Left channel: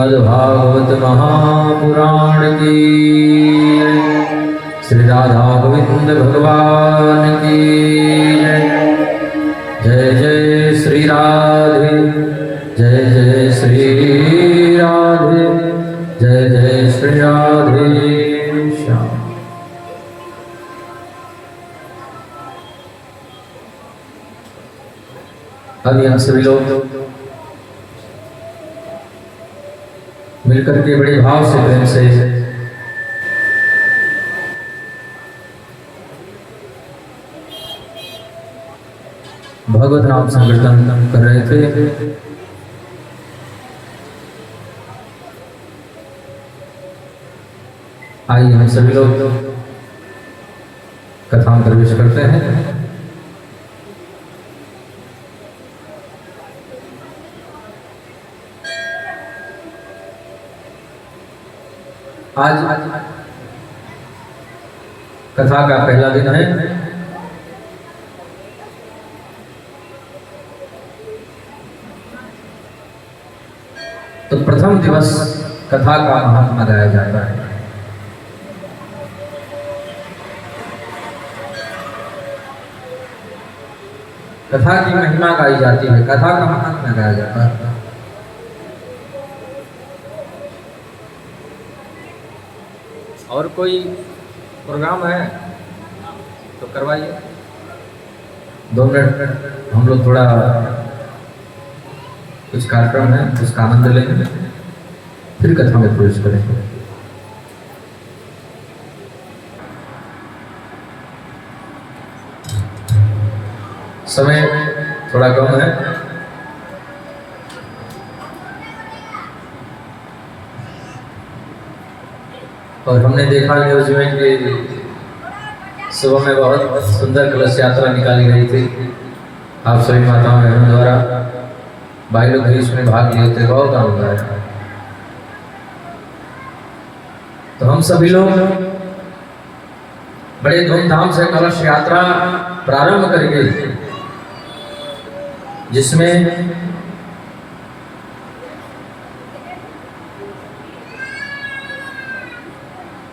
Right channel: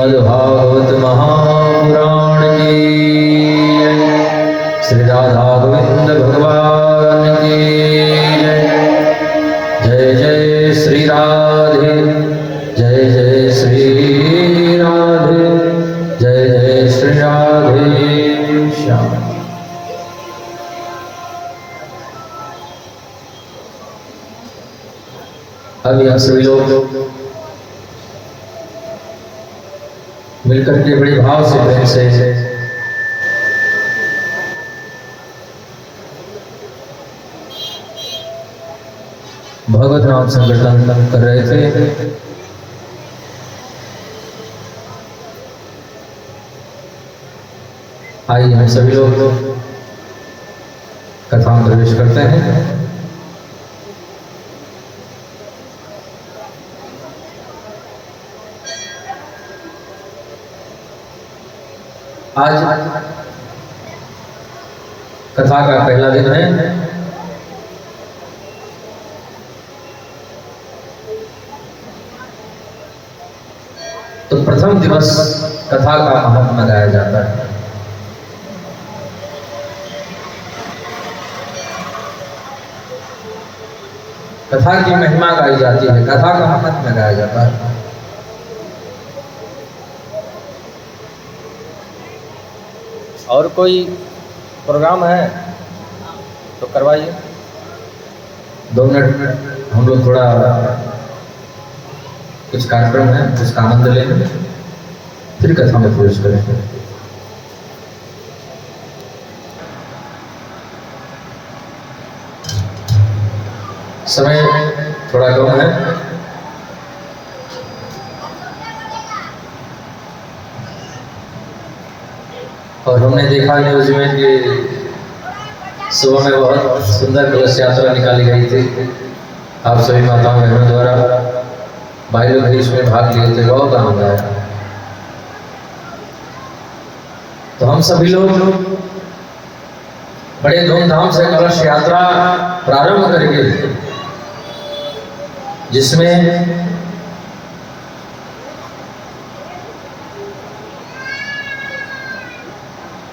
श्रीमद्भागवत महापुराण की श्री राधा गोविंद भगवान की जय जय श्री राधे जय जय श्री राधे जय जय श्री राधे श्याम। अभी हम सभी लोग मिलकर के बड़े भाव से प्रेम से भगवत नाम संकीर्तन कर रहे थे। आइए हम सभी लोग कथा में प्रवेश करते हैं। आज कथा का पहला दिन है। तो प्रथम दिवस कथा का महात्मा गाया जाता है। कथा की महिमा गाई जाती है, कथा का महात्मा गाया जाता है। और कोई प्रोग्राम है तो करवाइए। 2 मिनट हम लोग थोड़ा कुछ कार्यक्रम है उसका आनंद लेंगे, फिर कथा में प्रवेश करेंगे। समय थोड़ा कम है। और हमने देखा न्यूज में कि सुबह में बहुत सुंदर कलश यात्रा निकाली गई थी। आप सभी माताओं बहनों द्वारा भाई लोग भी इसमें भाग लिए थे, बहुत आनंद आया। तो हम सभी लोग बड़े धूमधाम से कलश यात्रा प्रारंभ करेंगे, जिसमें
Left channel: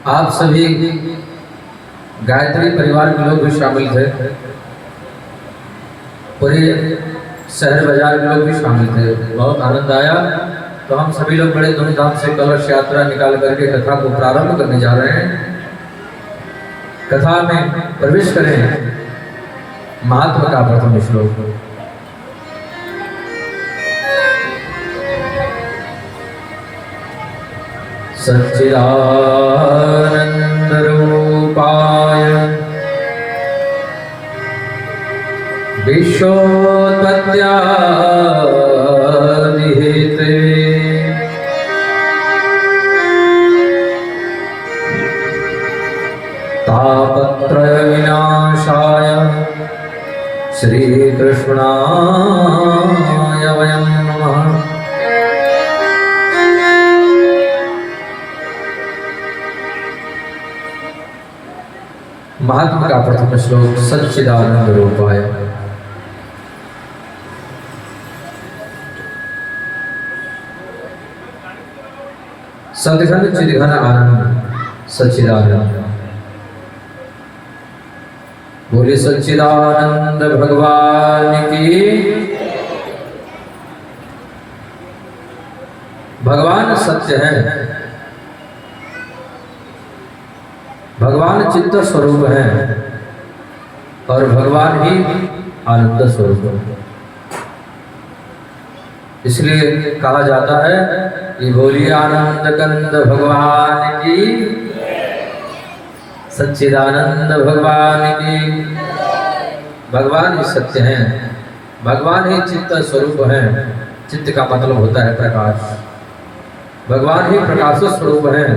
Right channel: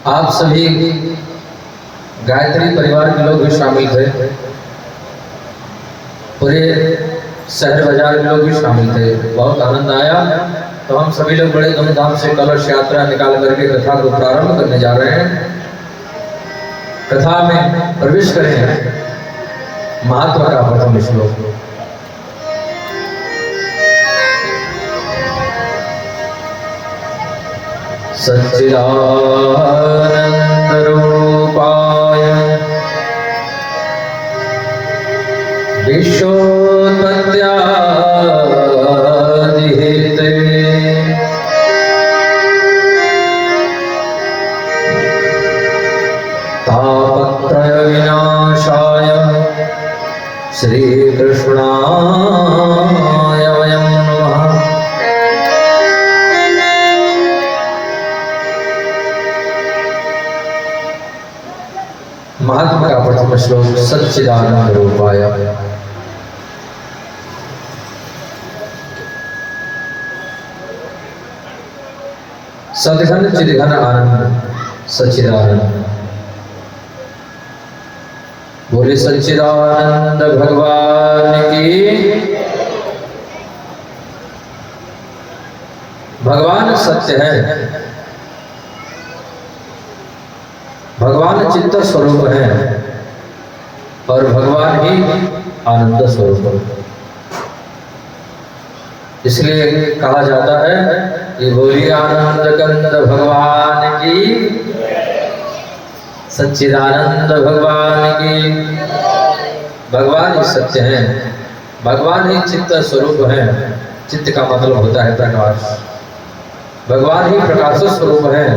आप सभी गायत्री परिवार के लोग भी शामिल थे, पूरे शहर बाजार के लोग भी शामिल थे। बहुत आनंद आया। तो हम सभी लोग बड़े धूमधाम से कलश यात्रा निकाल करके कथा को प्रारंभ करने जा रहे हैं। कथा में प्रवेश करें। महात्मा का प्रथम श्लोक। सच्चिदानंद रूपाय विश्वोत्पत्त्यादि हेतवे तापत्रय विनाशाय श्री कृष्णाय वयं नमः। महात्मा का प्रथम श्लोक सच्चिदानंद रूपाय। सद्घन चिद्घन आनंद सच्चिदानंद। बोले सच्चिदानंद भगवान की। भगवान सत्य है, भगवान चित्त स्वरूप है और भगवान ही आनंद स्वरूप है। इसलिए कहा जाता है कि बोलिए आनंद कंद भगवान की, सच्चिदानंद भगवान की। भगवान ही सत्य है, भगवान ही चित्त स्वरूप है। चित्त का मतलब होता है प्रकाश। भगवान ही प्रकाश स्वरूप है,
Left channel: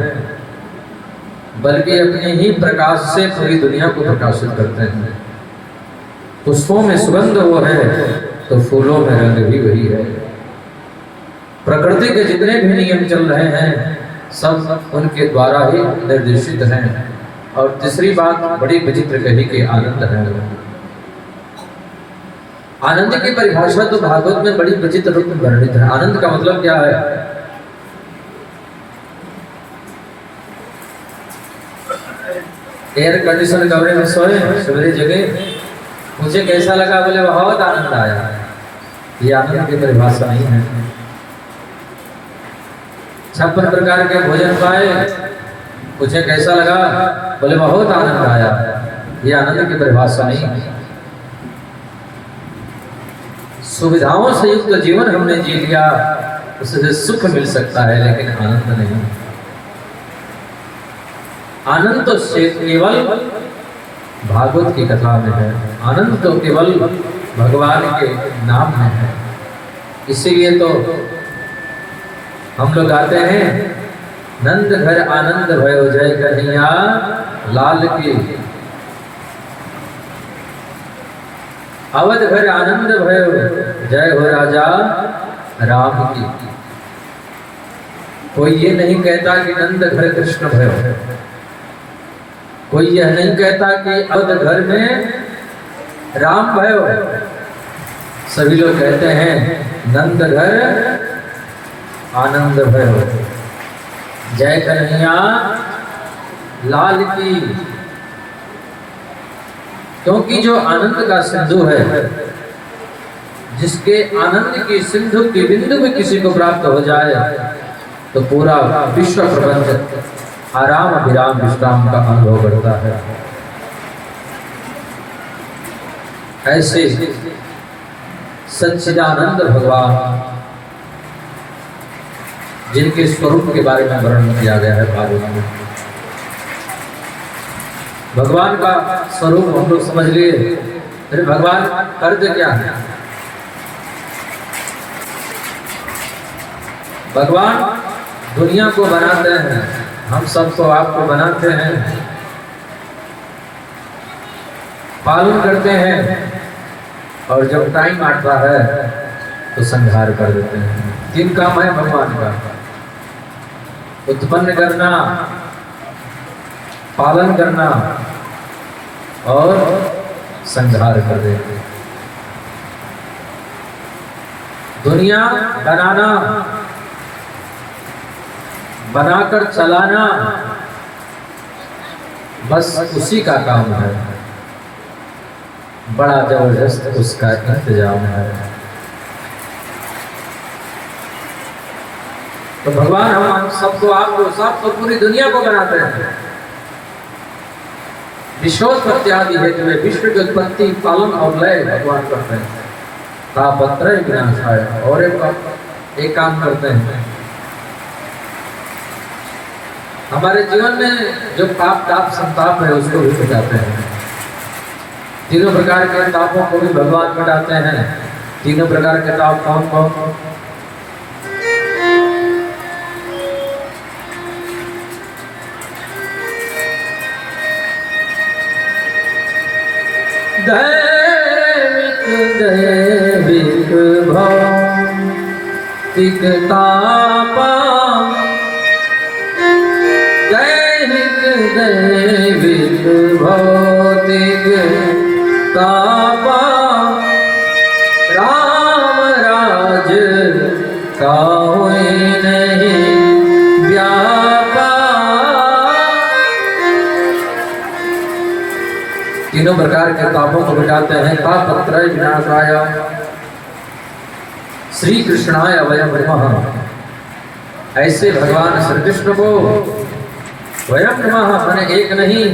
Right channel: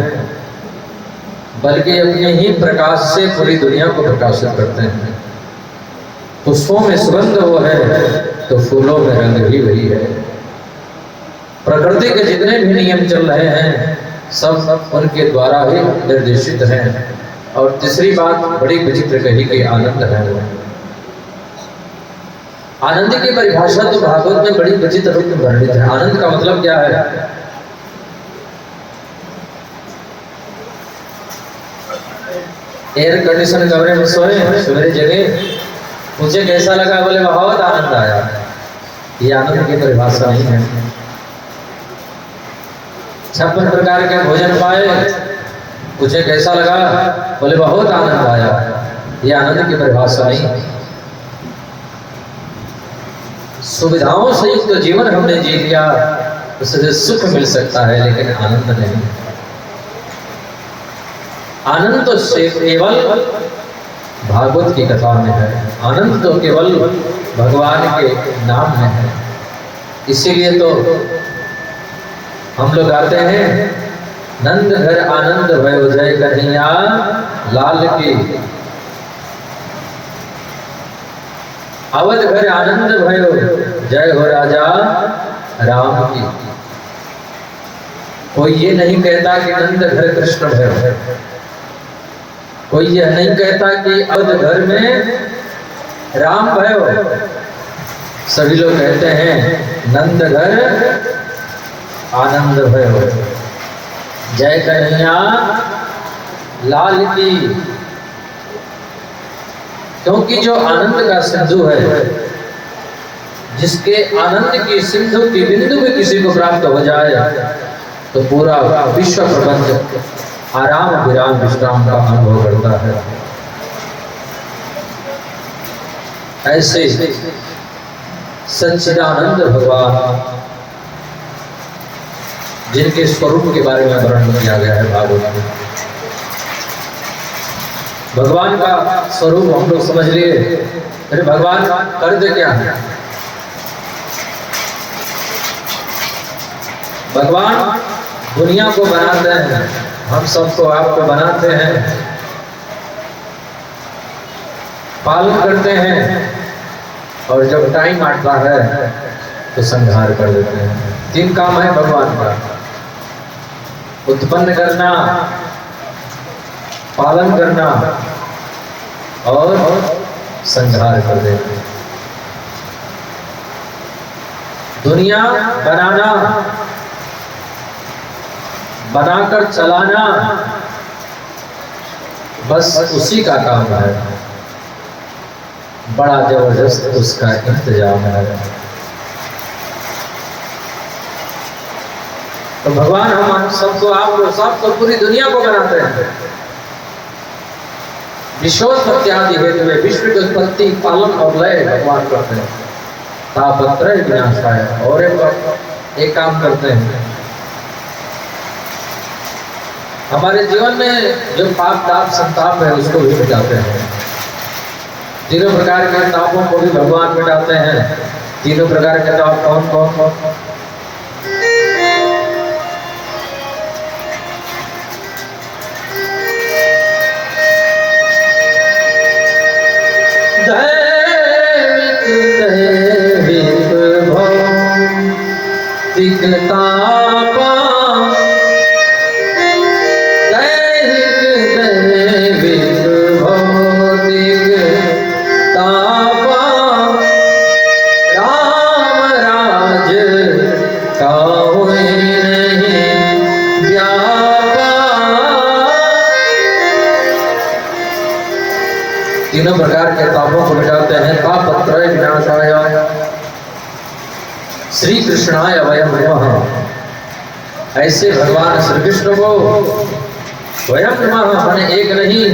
बल्कि अपने ही प्रकाश से पूरी दुनिया को प्रकाशित करते हैं। पुष्पों में सुगंध वो है तो फूलों में रंग भी वही है। प्रकृति के जितने भी नियम चल रहे हैं सब उनके द्वारा ही निर्देशित हैं। और तीसरी बात बड़ी विचित्र कही कि आनंद है। आनंद की परिभाषा तो भागवत में बड़ी विचित्र रूप में वर्णित है। आनंद का मतलब क्या है? एयर कंडीशन कमरे में सोए, सवेरे जगे, मुझे कैसा लगा? बोले बहुत आनंद आया। ये आनंद की परिभाषा नहीं है। 56 प्रकार के भोजन पाए, मुझे कैसा लगा? बोले बहुत आनंद आया। ये आनंद की परिभाषा नहीं है। सुविधाओं से युक्त जीवन हमने जी लिया, उससे सुख मिल सकता है लेकिन आनंद नहीं। आनंद तो केवल भागवत की कथा में है, आनंद तो केवल भगवान के नाम में है। इसीलिए तो हम लोग आते हैं, नंद घर आनंद भयो जय कन्हैया लाल की, अवध घर आनंद भयो जय हो राजा राम की। कोई ये नहीं कहता कि नंद घर कृष्ण भयो, कोई यह नहीं कहता कि अवध घर में राम भयो। सभी लोग कहते हैं नंद घर आनंद भयो जय कन्हैया लाल की। क्योंकि जो आनंद का सिंधु है, जिसके आनंद की सिंधु की बिंदु में किसी को प्राप्त हो जाए तो पूरा विश्व प्रपंच आराम विराम विश्राम का अनुभव करता है। ऐसे सच्चिदानंद भगवान, जिनके स्वरूप के बारे में वर्णन किया गया है भागवत में। भगवान का स्वरूप हम लोग समझ लिए, अरे भगवान करते क्या है? भगवान दुनिया को बनाते हैं, हम सबको आपको बनाते हैं, पालन करते हैं, और जब टाइम आता है तो संहार कर देते हैं। 3 काम है भगवान का, उत्पन्न करना, पालन करना और संहार कर देते हैं। दुनिया बनाना, बनाकर चलाना, बस उसी का काम है। बड़ा जबरदस्त उसका इंतजाम है। तो भगवान हम सबको, आपको, सबको, पूरी दुनिया को बनाते हैं। विश्वोत्पत्ति आदि हेतु में विश्व की उत्पत्ति, पालन और लय भगवान करते हैं। तापत्रय विनाशाय, और एक काम करते हैं, हमारे जीवन में जो पाप ताप संताप है उसको भी मिटाते हैं। तीनों प्रकार के तापों को भी भगवान मिटाते हैं। तीनों प्रकार के ताप कौन कौन? दैविक भौतिक तापा, दैविक भौतिक तापा, राम राज काहुँ नहीं व्यापा। तीनों प्रकार के तापों को मिटाते हैं। तापत्रय विनाशाय श्री कृष्णाय वयम नमः। ऐसे भगवान श्री कृष्ण को वयम नमः, मैंने एक नहीं,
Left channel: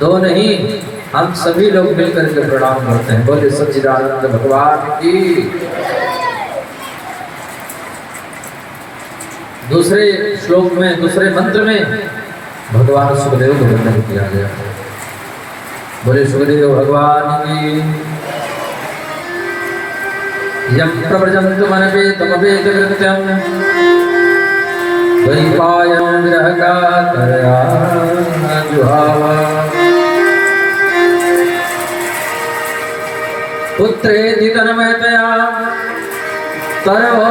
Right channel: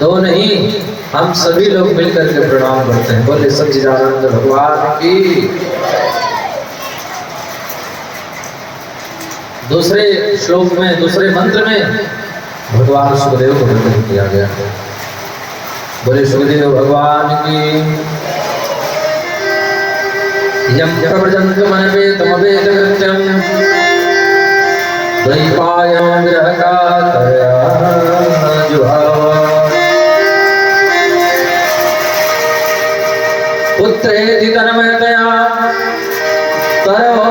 2 नहीं, हम सभी लोग मिलकर के प्रणाम करते हैं। बोले सच्चिदानंद भगवान की। दूसरे श्लोक में, दूसरे मंत्र में भगवान सुखदेव को वर्णन किया गया है। बोले सुखदेव भगवान की। यम प्रव्रजन्तु मनवे तमवेद कृत्यं, द्वैपायनं विरहकातरया जुहावा। पुत्रेति तन्मयतया तरो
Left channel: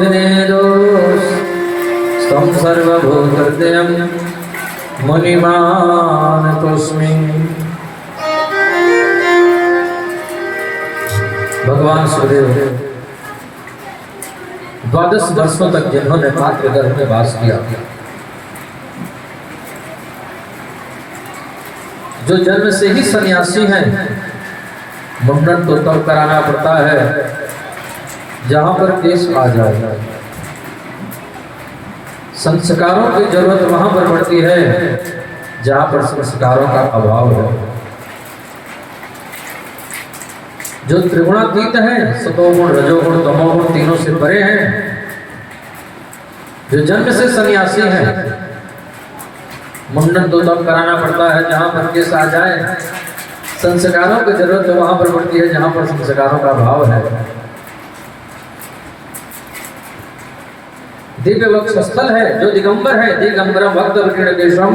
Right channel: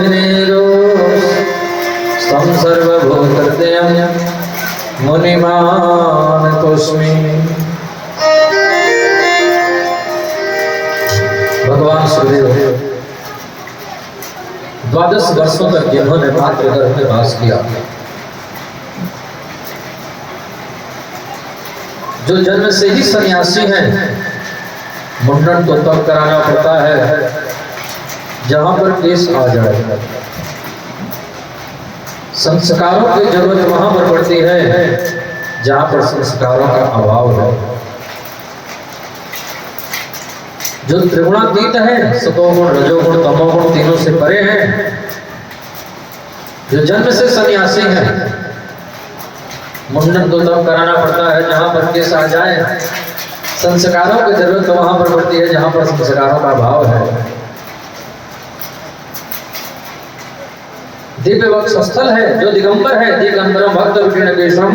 विनेदोस्तं सर्वभूतहृदयं मुनिमानतोऽस्मि। भगवान सुखदेव 12 वर्षों तक जिन्होंने मात्र गर्भ में वास किया, जो जन्म से ही सन्यासी हैं, मुंडन तो तब कराना पड़ता है जहां पर केस आ जाए। संस्कारों की जरूरत वहां पर पड़ती है जहां पर संस्कारों का अभाव है। जो त्रिगुणातीत है, सतोगुण, रजोगुण, तमोगुण तीनों से परे हैं, जो जन्म से सन्यासी है, मुंडन तो तब कराना पड़ता है जहां पर केस आ जाए। संस्कारों की जरूरत तो वहां पर पड़ती है जहां पर संस्कारों का अभाव है। दिव्य वक्षस्थल है जो दिगंबर है, दिगंबर भक्त विकीर्ण केशम।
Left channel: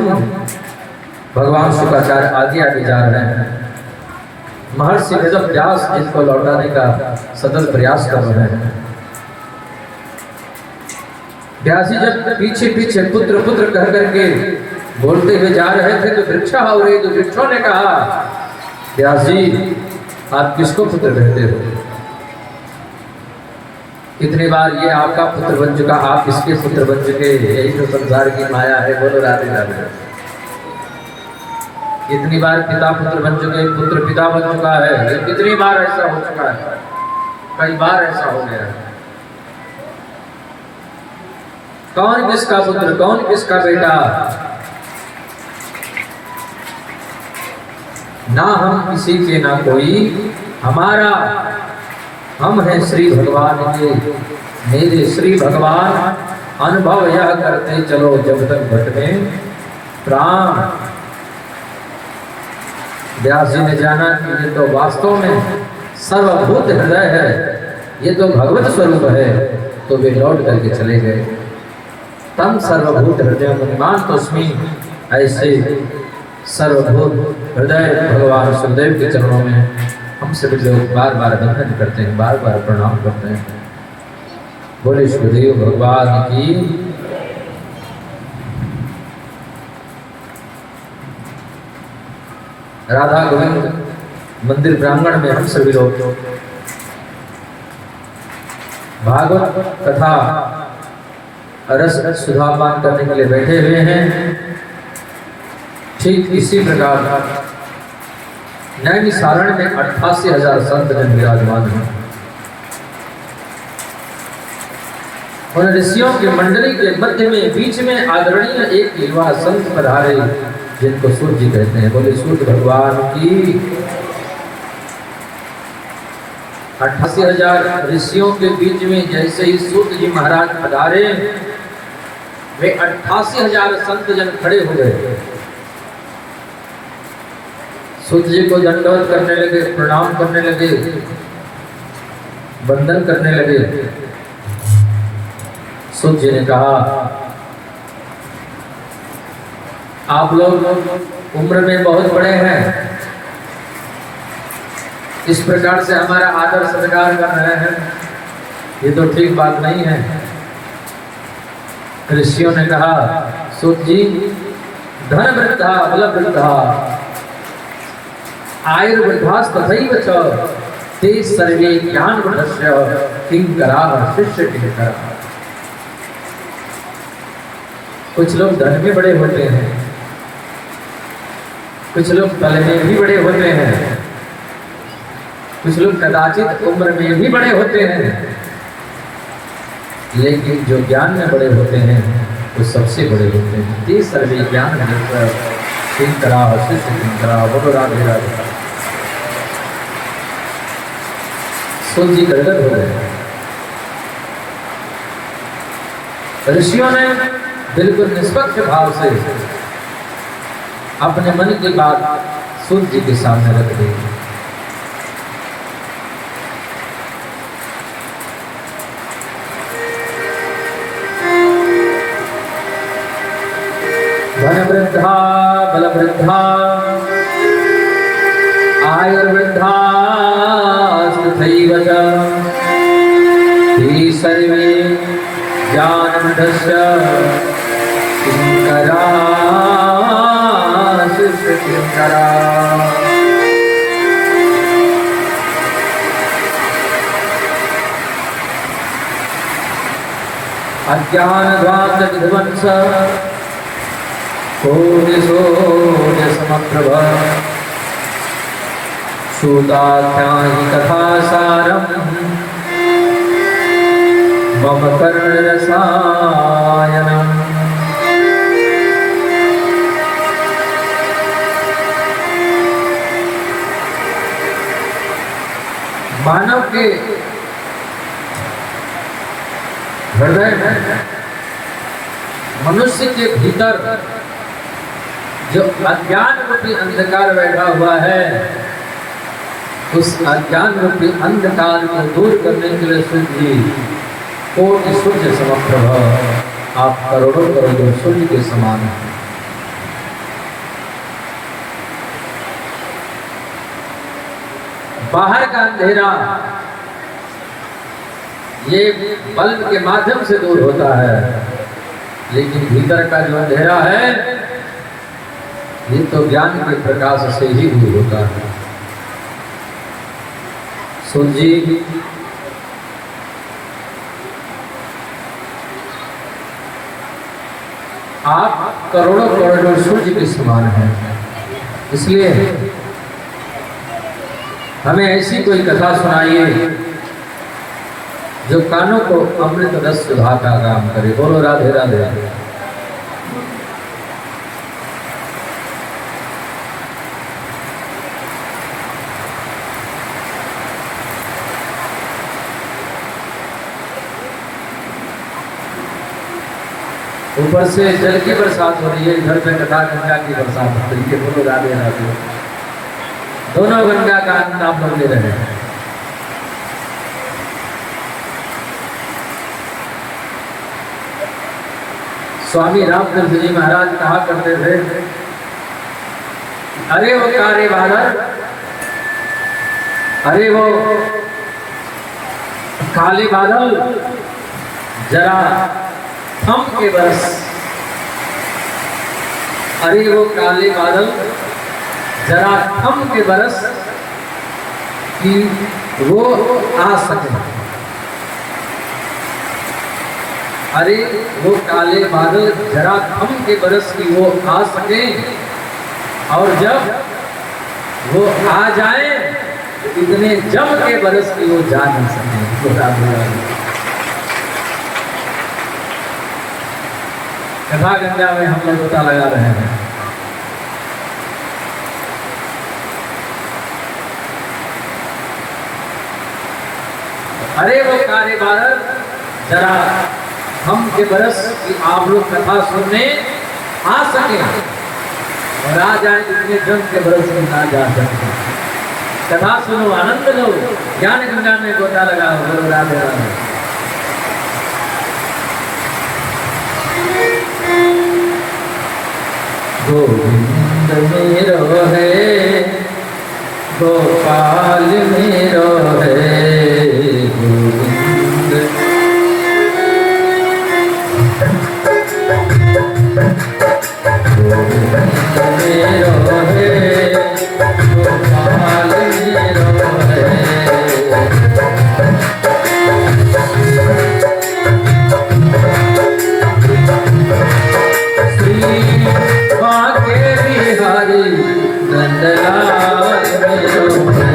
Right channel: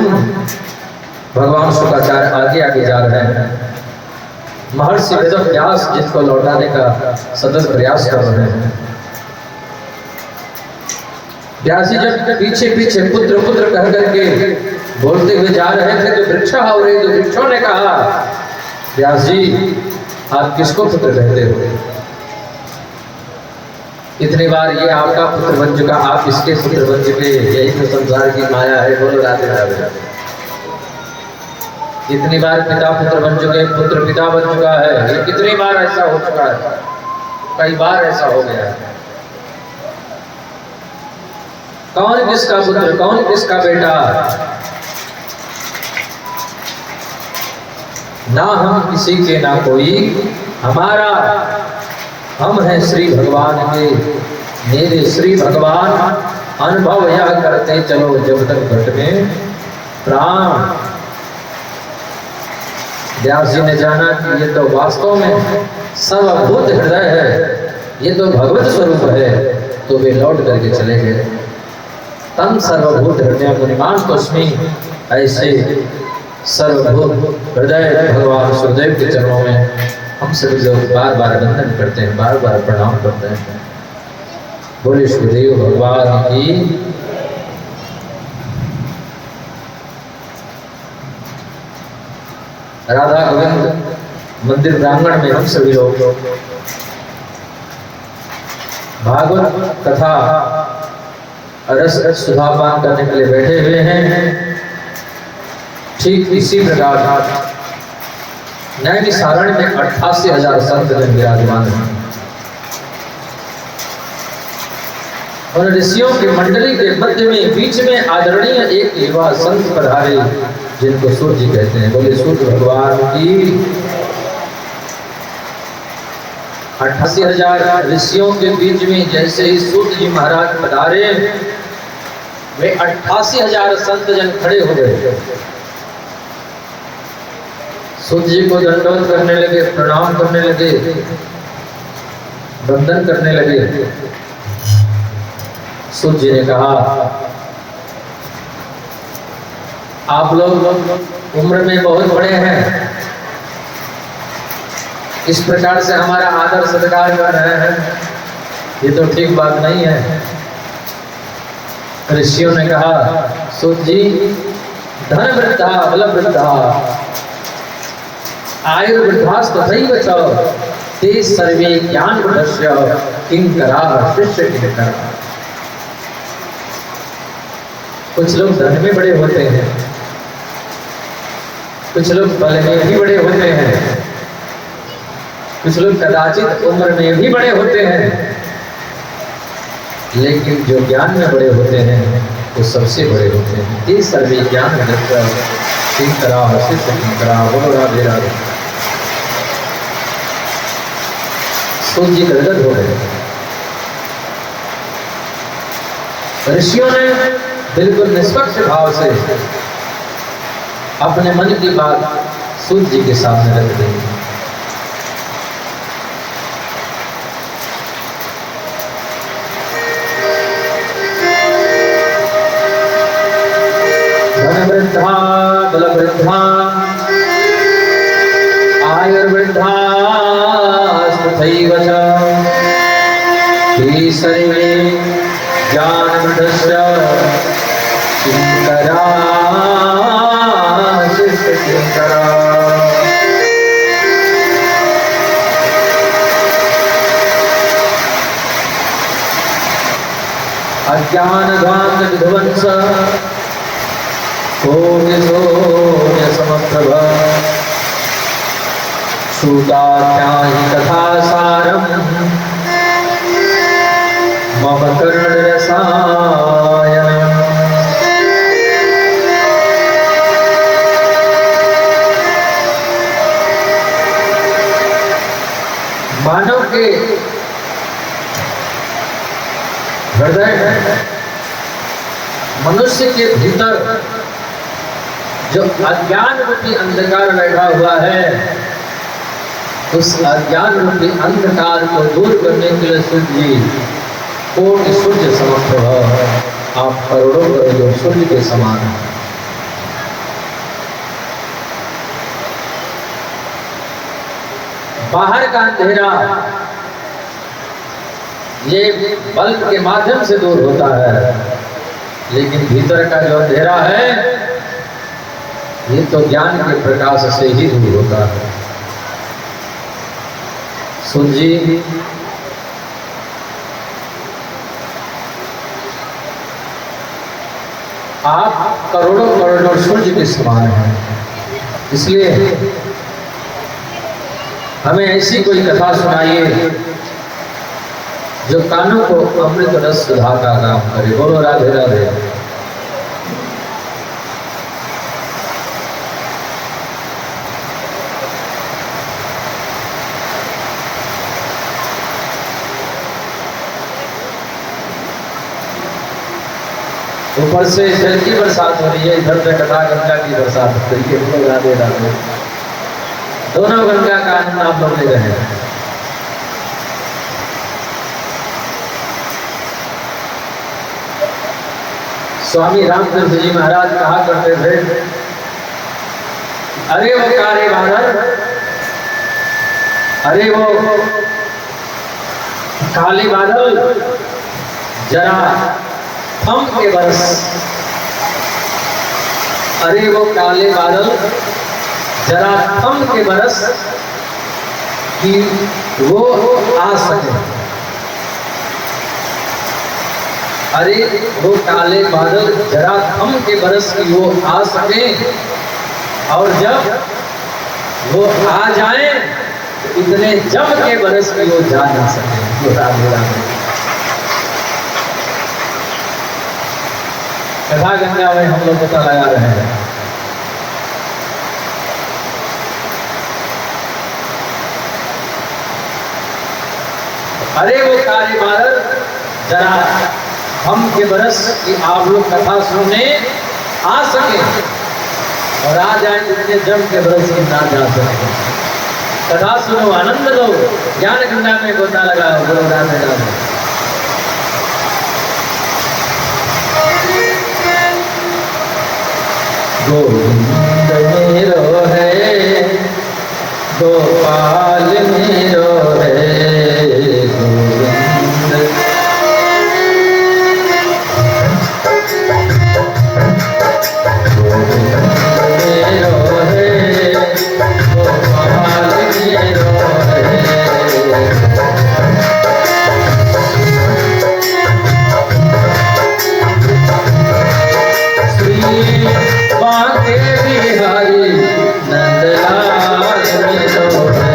भगवान शुक्राचार्य आगे आगे जा रहे हैं। महर्षि वेद व्यास जिसको लौटाने का सतत प्रयास कर रहे हैं। व्यास जी जब पीछे पीछे पुत्र पुत्र कह करके बोलते हुए जा रहे थे तो वृक्ष हो रही, तो वृक्षों ने कहा, व्यास जी आप किसको पुत्र कहते हो? इतनी बार ये आपका पुत्र बन चुका, आप इसके पुत्र बन चुके, यही तो संसार की माया है। बोलो राधे राधे। इतनी बार पिता पुत्र बन चुके, पुत्र पिता बन चुका है। ये कितनी बार ऐसा हो चुका है, कई बार ऐसा हो गया है। कौन किसका पुत्र, कौन किसका बेटा? ना हम किसी के ना कोई हमारा, हम हैं श्री भगवान के, मेरे श्री भगवान। अनुभव यह करते चलो जब तक घट में प्राण। व्यास जी ने जाना कि ये तो वास्तव में सर्वभूत हृदय है, ये तो भगवत स्वरूप है, तो वे लौट करके चले गए। तम सर्वभूत हृदय मुनिमान तस्मै, ऐसे सर्वभूत हृदय भगवान सुखदेव के चरणों में हम सभी लोग बार बार वंदन करते हैं, बार बार प्रणाम करते हैं। बोले सुखदेव भगवान की। राधा गोविंद मंदिर प्रांगण में हम सभी लोग भागवत कथा रस सुधापान करने के लिए बैठे हुए हैं। ठीक इसी प्रकार नैमिषारण्य में 88,000 संत जन विराजमान हैं। और ऋषियों की मंडली के मध्य में बीच में आदरणीय एक युवा संत पधारे जिनको सूर्य जी कहते हैं। बोले सूर्य भगवान की। 88,000 ऋषियों के बीच में जैसे ही सूर्य जी महाराज पधारे, वे 88,000 संत जन खड़े हो गए। सूर्य जी को दंडवत करने लगे, प्रणाम करने लगे, वंदन करने लगे। सूर्य जी ने कहा, आप लोग उम्र में बहुत बड़े हैं, इस प्रकार से हमारा आदर सत्कार कर रहे हैं, ये तो ठीक बात नहीं है। ऋषियों ने कहा, सूर्य जी धन वृद्धा बल वृद्धा आयुर्वृद्धास्तथैव च ते सर्वे ज्ञान वृद्धस्य किंकरा शिष्य किंकरा। कुछ लोग धन में बड़े होते हैं, कुछ लोग बल में भी बड़े होते हैं, कुछ लोग कदाचित उम्र में भी बड़े होते हैं, लेकिन जो ज्ञान में बड़े होते हैं वो सबसे बड़े होते हैं। ते सर्वे ज्ञान वृद्धस्य किंकरा शिष्य किंकरा। बोलो राधे राधे। सूर्य जी गदगद हो गए। ऋषियों ने बिल्कुल निष्पक्ष भाव से अपने मन की बात सूर्य जी के सामने रख दी। धन वृद्धा बल वृद्धा आयुर्वृद्धा तथैव च ते सर्वे ज्ञानवृद्धस्य किंकरा शिष्य किंकरा। अज्ञानध्वांत विध्वंस कोटिशोऽन्यसमप्रभ श्रुताख्याहि कथासारम् मम कर्णरसायनम्। मानव के हृदय में, मनुष्य के भीतर जो अज्ञान रूपी अंधकार बैठा हुआ है, उस अज्ञान रूपी अंधकार को दूर करने के लिए सूर्य जी कोटि सूर्य समप्रभ, आप करोड़ों करोड़ों सूर्य के समान हैं। बाहर का अंधेरा ये बल्ब के माध्यम से दूर होता है, लेकिन भीतर का जो अंधेरा है ये तो ज्ञान के प्रकाश से ही दूर होता है। सुन जी, आप करोड़ों करोड़ों सूर्य के समान हैं, इसलिए हमें ऐसी कोई कथा सुनाइए जो कानों को अमृत रस सुधा का काम करे। बोलो राधे राधे। ऊपर से जल की बरसात हो रही है, इधर से कथा गंगा की बरसात हो रही है। बोलो राधे राधे। दोनों गंगा का आनंद आप लोग ले रहे हैं। स्वामी रामकृष्ण जी महाराज कहा करते थे, अरे वो काले बादल, अरे वो काले बादल जरा थम के बरस, अरे वो काले बादल जरा थम के बरस कि वो आ सके। अरे वो काले बादल जरा थम के बरस की वो आ सके, और जब वो आ जाए तो इतने जम के बरस की वो जा ना सके। कथा गंगा में हम लोग पता लगा रहे हैं। अरे वो काले बादल जरा हम के बरस कि आप लोग कथा सुनने आ सके, और आ जाए इतने जम के बरस की ना जा सके। कथा सुनो, आनंद लो, ज्ञान गंगा में गोता लगाओ। बोलो राधे राधे। गोविंद मेरो है, गोपाल मेरो है, गोविंद मेरो है, गोपाल मेरो है। श्री बांके बिहारी नंदलाल मेरो है।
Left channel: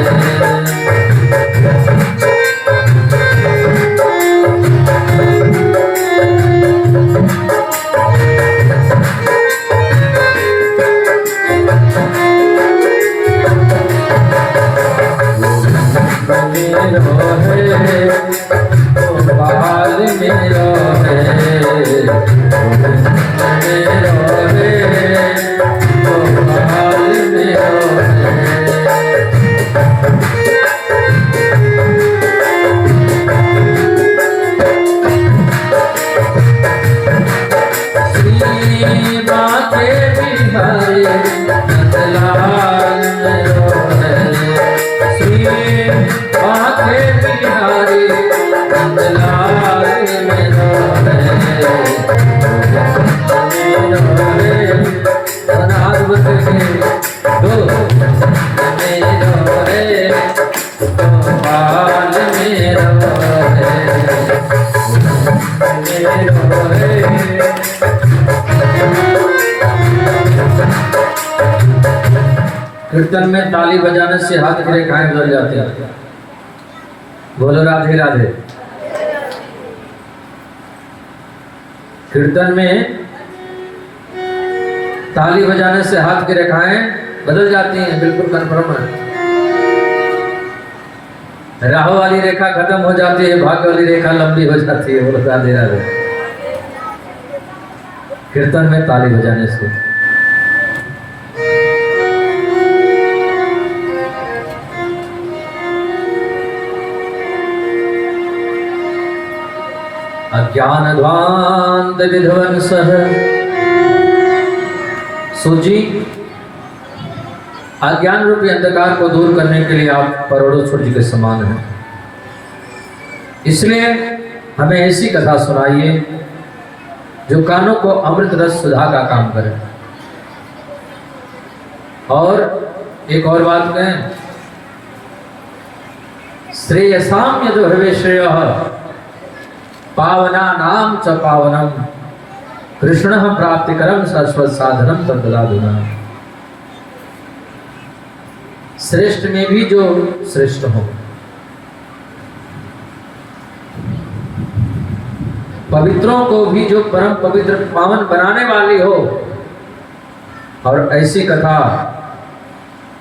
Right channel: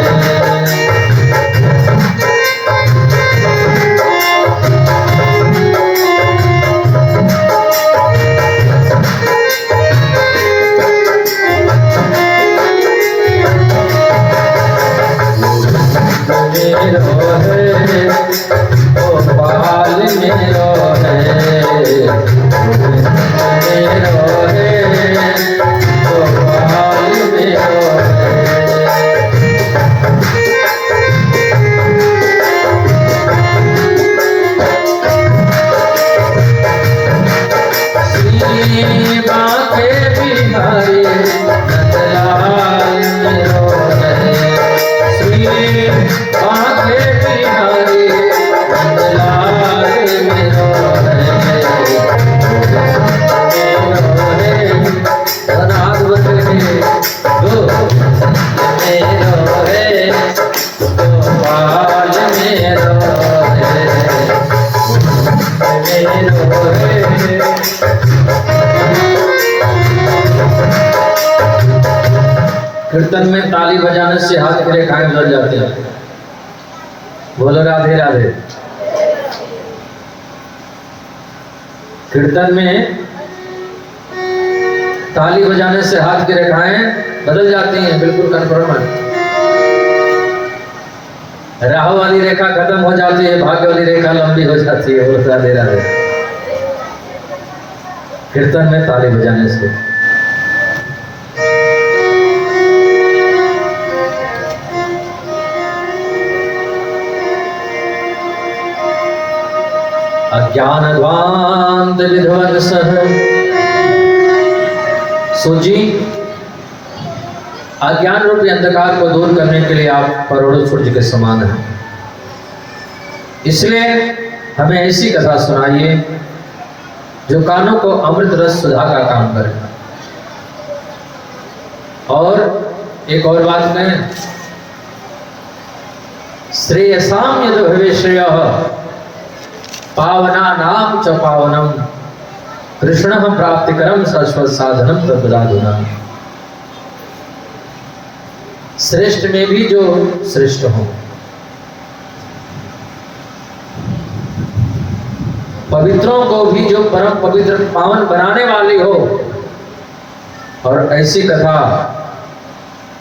कीर्तन में ताली बजाने से हाथ की रेखाएं बदल जाते हैं। बोलो राधे राधे। कीर्तन में ताली बजाने से हाथ की रेखाएं बदल जाती हैं, बिल्कुल कन्फर्म है। राहु वाली रेखा खत्म हो जाती है, भाग्य वाली रेखा लंबी हो जाती है। बोलो राधे राधे। कीर्तन में ताली बजाने से। अज्ञानध्वांत विध्वंसः। सूजी, अज्ञान रूपी अंधकार को दूर करने के लिए आप करोड़ों सूर्य के समान हैं। इसलिए हमें ऐसी कथा सुनाइए जो कानों को अमृत रस सुधा का काम करे। और एक और बात कहें, श्रेयसाम यदो भवे श्रेयः पावना नाम च पावनम कृष्ण प्राप्तिकरम शाश्वत साधनम तद्दाधुना। श्रेष्ठ में भी जो श्रेष्ठ हो, पवित्रों को भी जो परम पवित्र पावन बनाने वाली हो, और ऐसी कथा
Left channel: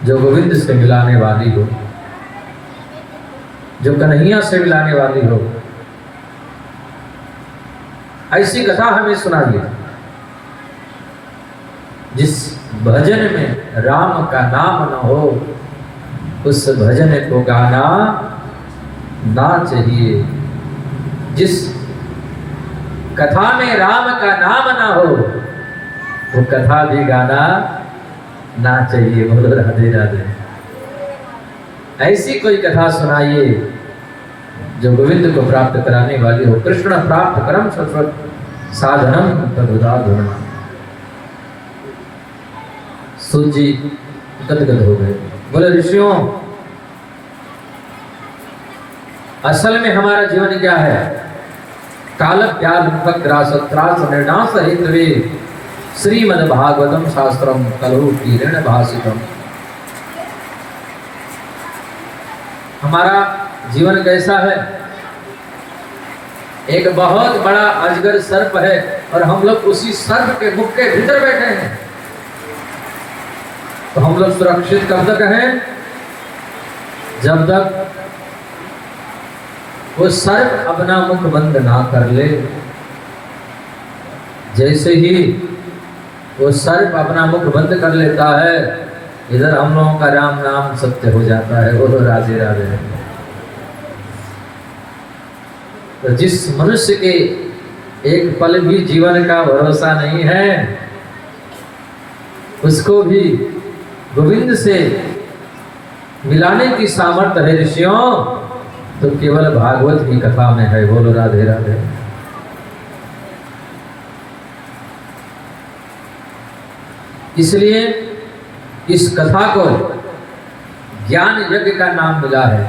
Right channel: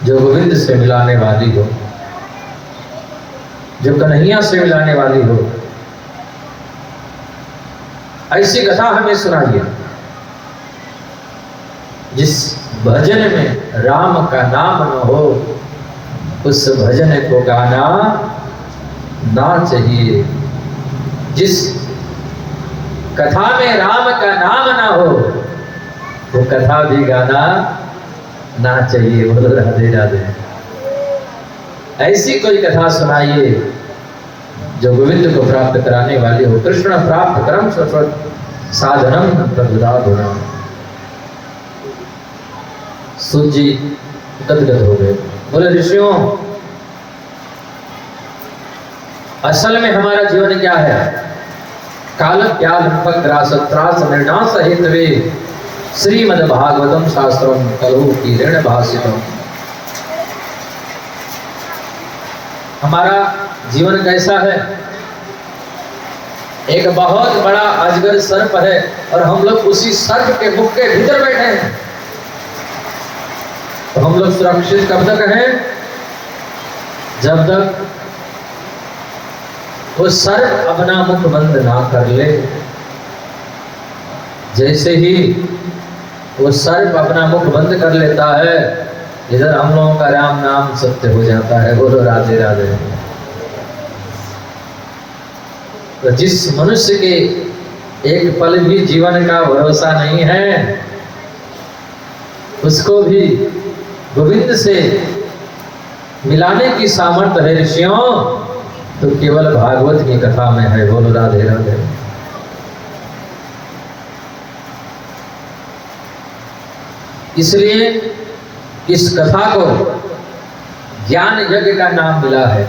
जो गोविंद से मिलाने वाली हो, जो कन्हैया से मिलाने वाली हो, ऐसी कथा हमें सुनाइए जिस भजन में राम का नाम न हो, उस भजन को गाना ना चाहिए। जिस कथा में राम का नाम ना हो, वो कथा भी गाना ना चाहिए। बोलो राधे राधे। ऐसी कोई कथा सुनाइए जो गोविंद को प्राप्त कराने वाली हो। कृष्ण प्राप्त करम शाश्वत साधनम तद्दाधुना। सूजी गदगद हो गए। बोले ऋषियों, असल में हमारा जीवन क्या है? काल ज्ञान ग्रास त्रास निर्णास हेतवे श्रीमद् भागवतम शास्त्रम कलु कीर्ण भाषितम। हमारा जीवन कैसा है? एक बहुत बड़ा अजगर सर्प है और हम लोग उसी सर्प के मुख के भीतर बैठे हैं। तो हम लोग सुरक्षित कब तक हैं? जब तक वो सर्प अपना मुख बंद ना कर ले। जैसे ही वो सर्प अपना मुख बंद कर लेता है, इधर हम लोगों का राम नाम सत्य हो जाता है। बोलो राधे राधे। तो जिस मनुष्य के एक पल भी जीवन का भरोसा नहीं है, उसको भी गोविंद से मिलाने की सामर्थ्य है ऋषियों, तो केवल भागवत की कथा में है। बोलो राधे राधे। इसलिए इस कथा को ज्ञान यज्ञ का नाम मिला है,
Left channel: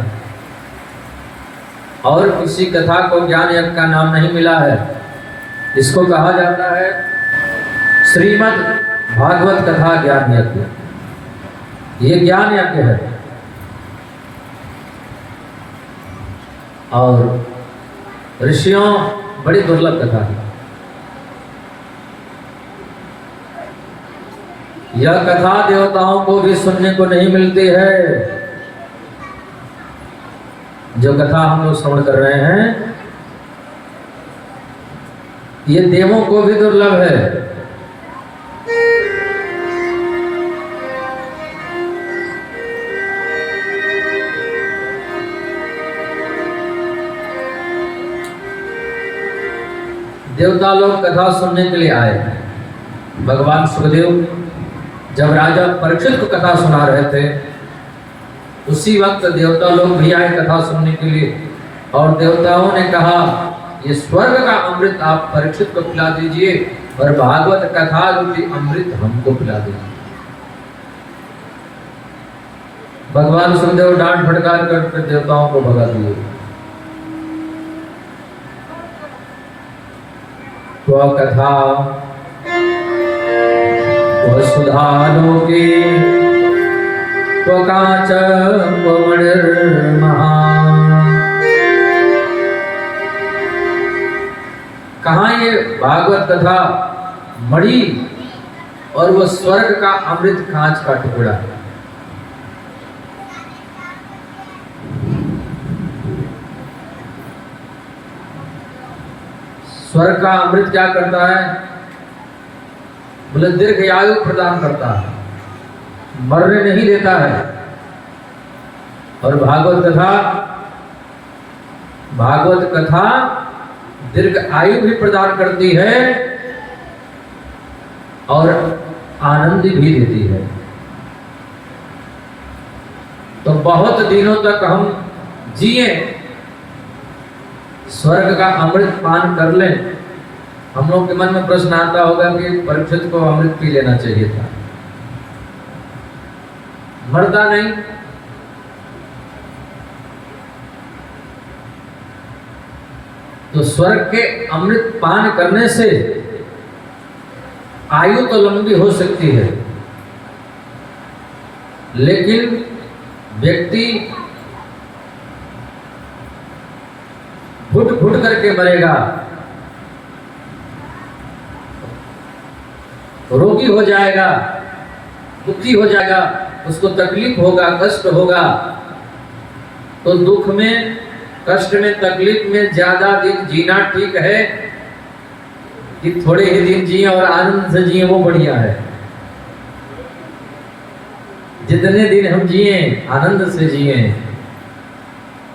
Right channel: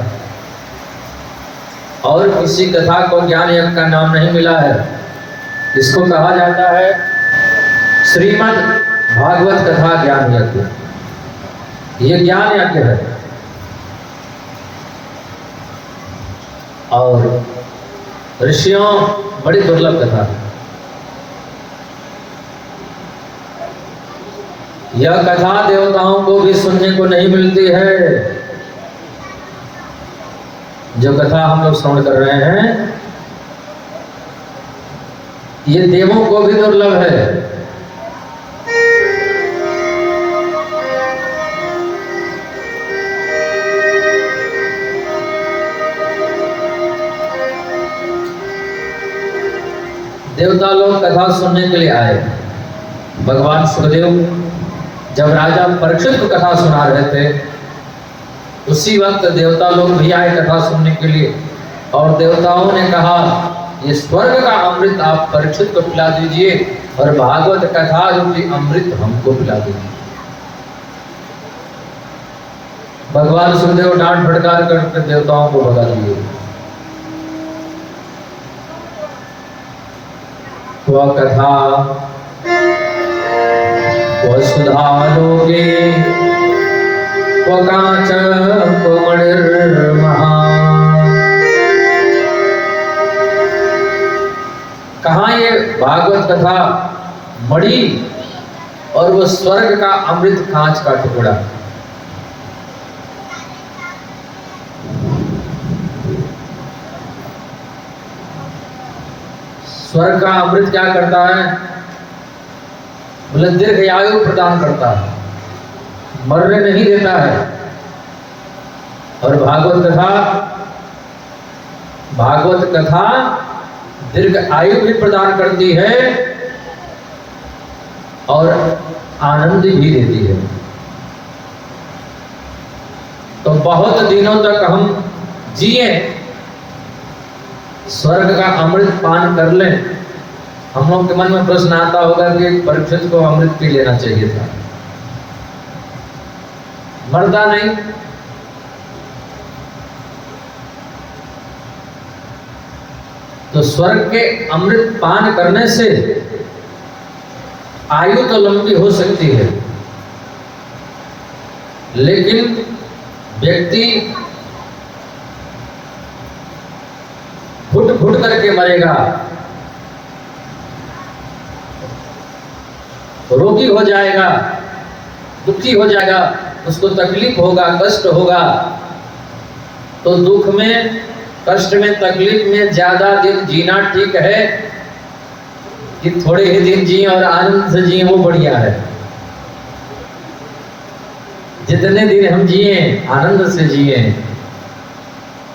और किसी कथा को ज्ञान यज्ञ का नाम नहीं मिला है। इसको कहा जाता है श्रीमद् भागवत कथा ज्ञान यज्ञ। ये ज्ञान यज्ञ है। और ऋषियों, बड़ी दुर्लभ कथा है। यह कथा देवताओं को भी सुनने को नहीं मिलती है। जो कथा हम लोग श्रवण कर रहे हैं, ये देवों को भी दुर्लभ है। देवता लोग कथा सुनने के लिए आए। भगवान सुखदेव जब राजा परीक्षित को कथा सुना रहे थे, उसी वक्त देवता लोग भी आए कथा सुनने के लिए। और देवताओं ने कहा, ये स्वर्ग का अमृत आप परीक्षित को पिला दीजिए, और भागवत कथा रूपी अमृत हमको पिला दीजिए। भगवान सुखदेव डांट फटकार कर देवताओं को भगा दिए। तो कथा वसुधा लोके क्वकाच क्वमणिर्महा। कहाँ ये भागवत कथा मणि और वो स्वर्ग का अमृत कांच का टुकड़ा। स्वर्ग का अमृत क्या करता है? बोले दीर्घ आयु प्रदान करता है, मरने नहीं देता है। और भागवत कथा दीर्घ आयु भी प्रदान करती है और आनंद भी देती है। तो बहुत दिनों तक हम जिए, स्वर्ग का अमृत पान कर लें। हम लोग के मन में प्रश्न आता होगा कि परीक्षित को अमृत पी लेना चाहिए था, मरता नहीं। तो स्वर्ग के अमृत पान करने से आयु तो लंबी हो सकती है, लेकिन व्यक्ति घुट घुट करके मरेगा, रोगी हो जाएगा, दुखी हो जाएगा, उसको तकलीफ होगा, कष्ट होगा। तो दुख में, कष्ट में, तकलीफ में ज्यादा दिन जीना ठीक है कि थोड़े ही दिन जिए और आनंद से जिए, वो बढ़िया है। जितने दिन हम जिए आनंद से जिए,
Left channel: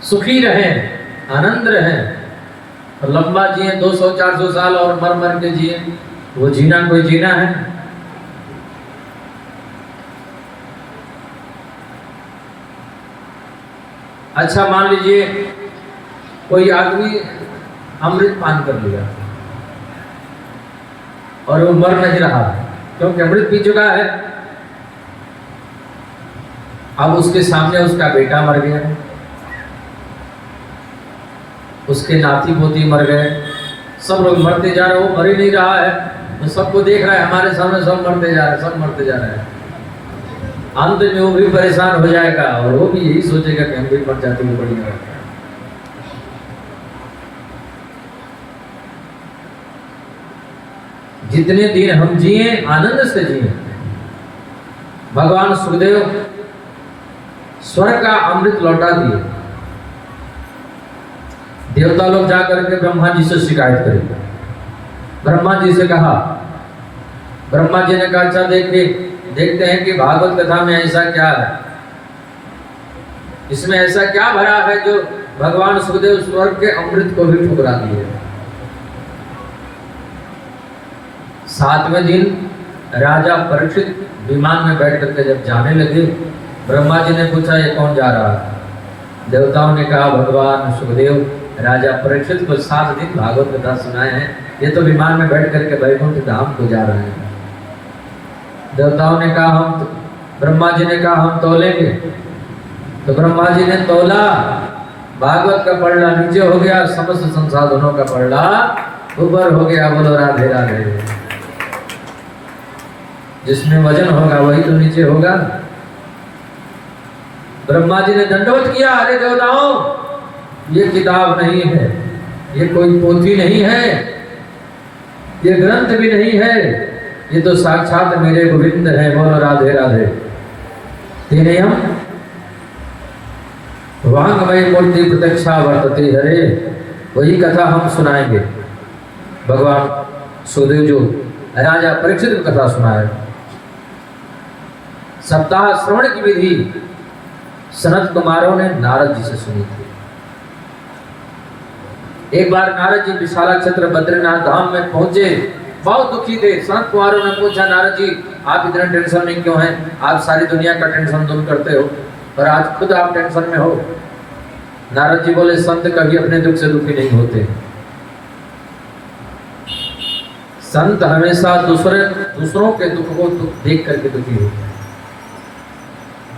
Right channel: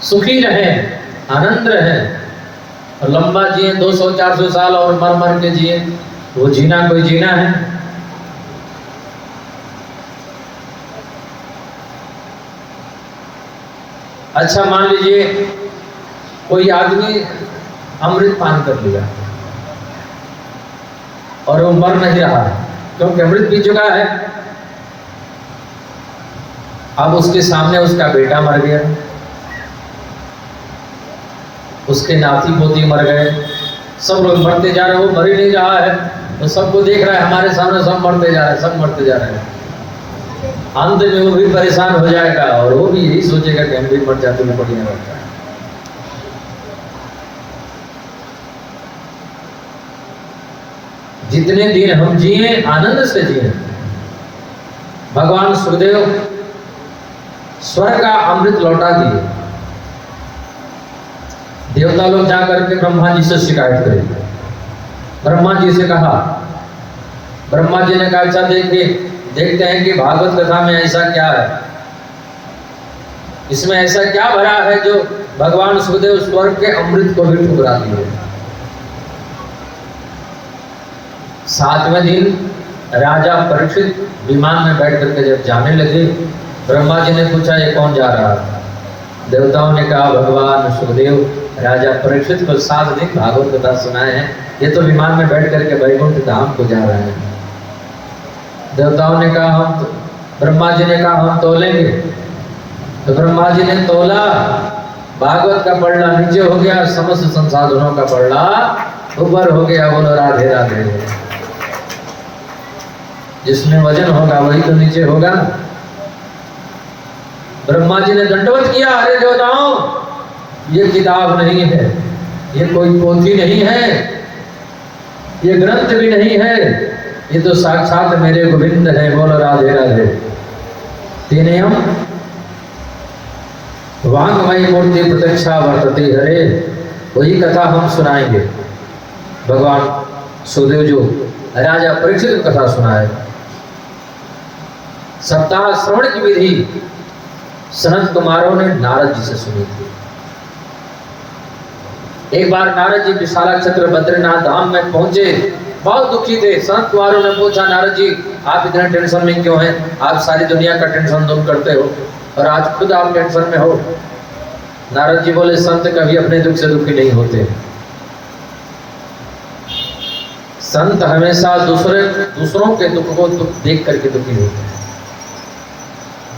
सुखी रहें, आनंद रहें, और लंबा जिए 200-400 साल और मर मर के जिए, वो जीना कोई जीना है? अच्छा मान लीजिए कोई आदमी अमृत पान कर लिया और वो मर नहीं रहा क्योंकि अमृत पी चुका है। अब उसके सामने उसका बेटा मर गया, उसके नाती पोती मर गए, सब लोग मरते जा रहे, वो मर ही नहीं रहा है। वो सबको देख रहा है, हमारे सामने सब मरते जा रहे हैं, सब मरते जा रहे हैं। अंत में वो भी परेशान हो जाएगा और वो भी यही सोचेगा कि हम भी मर जाते हैं, बढ़िया लगता है। जितने दिन हम जिए आनंद से जिए। भगवान सुखदेव स्वर्ग का अमृत लौटा दिए। देवता लोग जाकर के ब्रह्मा जी से शिकायत करें। ब्रह्मा जी से कहा, ब्रह्मा जी ने कहा अच्छा देखते हैं कि भागवत कथा में ऐसा क्या है, इसमें ऐसा क्या भरा है जो भगवान सुखदेव स्वर्ग के अमृत को भी ठुकरा दिए। 7वें दिन राजा परीक्षित विमान में बैठ करके जब जाने लगे, ब्रह्मा जी ने पूछा ये कौन जा रहा है? देवताओं ने कहा भगवान सुखदेव राजा परीक्षित को 7 दिन भागवत कथा सुनाए हैं, ये तो विमान में बैठ करके वैकुंठ धाम को जा रहे हैं। देवताओं ने कहा ब्रह्मा जी ने कहा हम तोलेंगे। तो ब्रह्मा जी ने तोला, भागवत का पढ़ना नीचे हो गया, समस्त संसाधनों का पढ़ना ऊपर हो गया। बोलो राधे राधे। जिसमें वजन होगा वही तो नीचे होगा। ब्रह्मा जी ने दंडवत किया, अरे देवताओं ये किताब नहीं है, ये कोई पोथी नहीं है, ये ग्रंथ भी नहीं है, ये तो साक्षात मेरे गोविंद हैं। बोलो राधे राधे। तेने हम वांगमय मूर्ति प्रत्यक्षा वर्तते हरे, वही कथा हम सुनाएंगे। भगवान सुखदेव जो राजा परीक्षित को कथा सुनाए। सप्ताह श्रवण की विधि सनत कुमारों ने नारद जी से सुनी थी। एक बार नारद जी विशाला क्षेत्र बद्रीनाथ धाम में पहुंचे, बहुत दुखी थे। संत कुमारों ने पूछा नारद जी आप इतने टेंशन में क्यों हैं? आप सारी दुनिया का टेंशन दूर करते हो और आज खुद आप टेंशन में हो। नारद जी बोले संत कभी अपने दुख से दुखी नहीं होते। संत हमेशा दूसरों के दुख को देख करके दुखी होते हैं।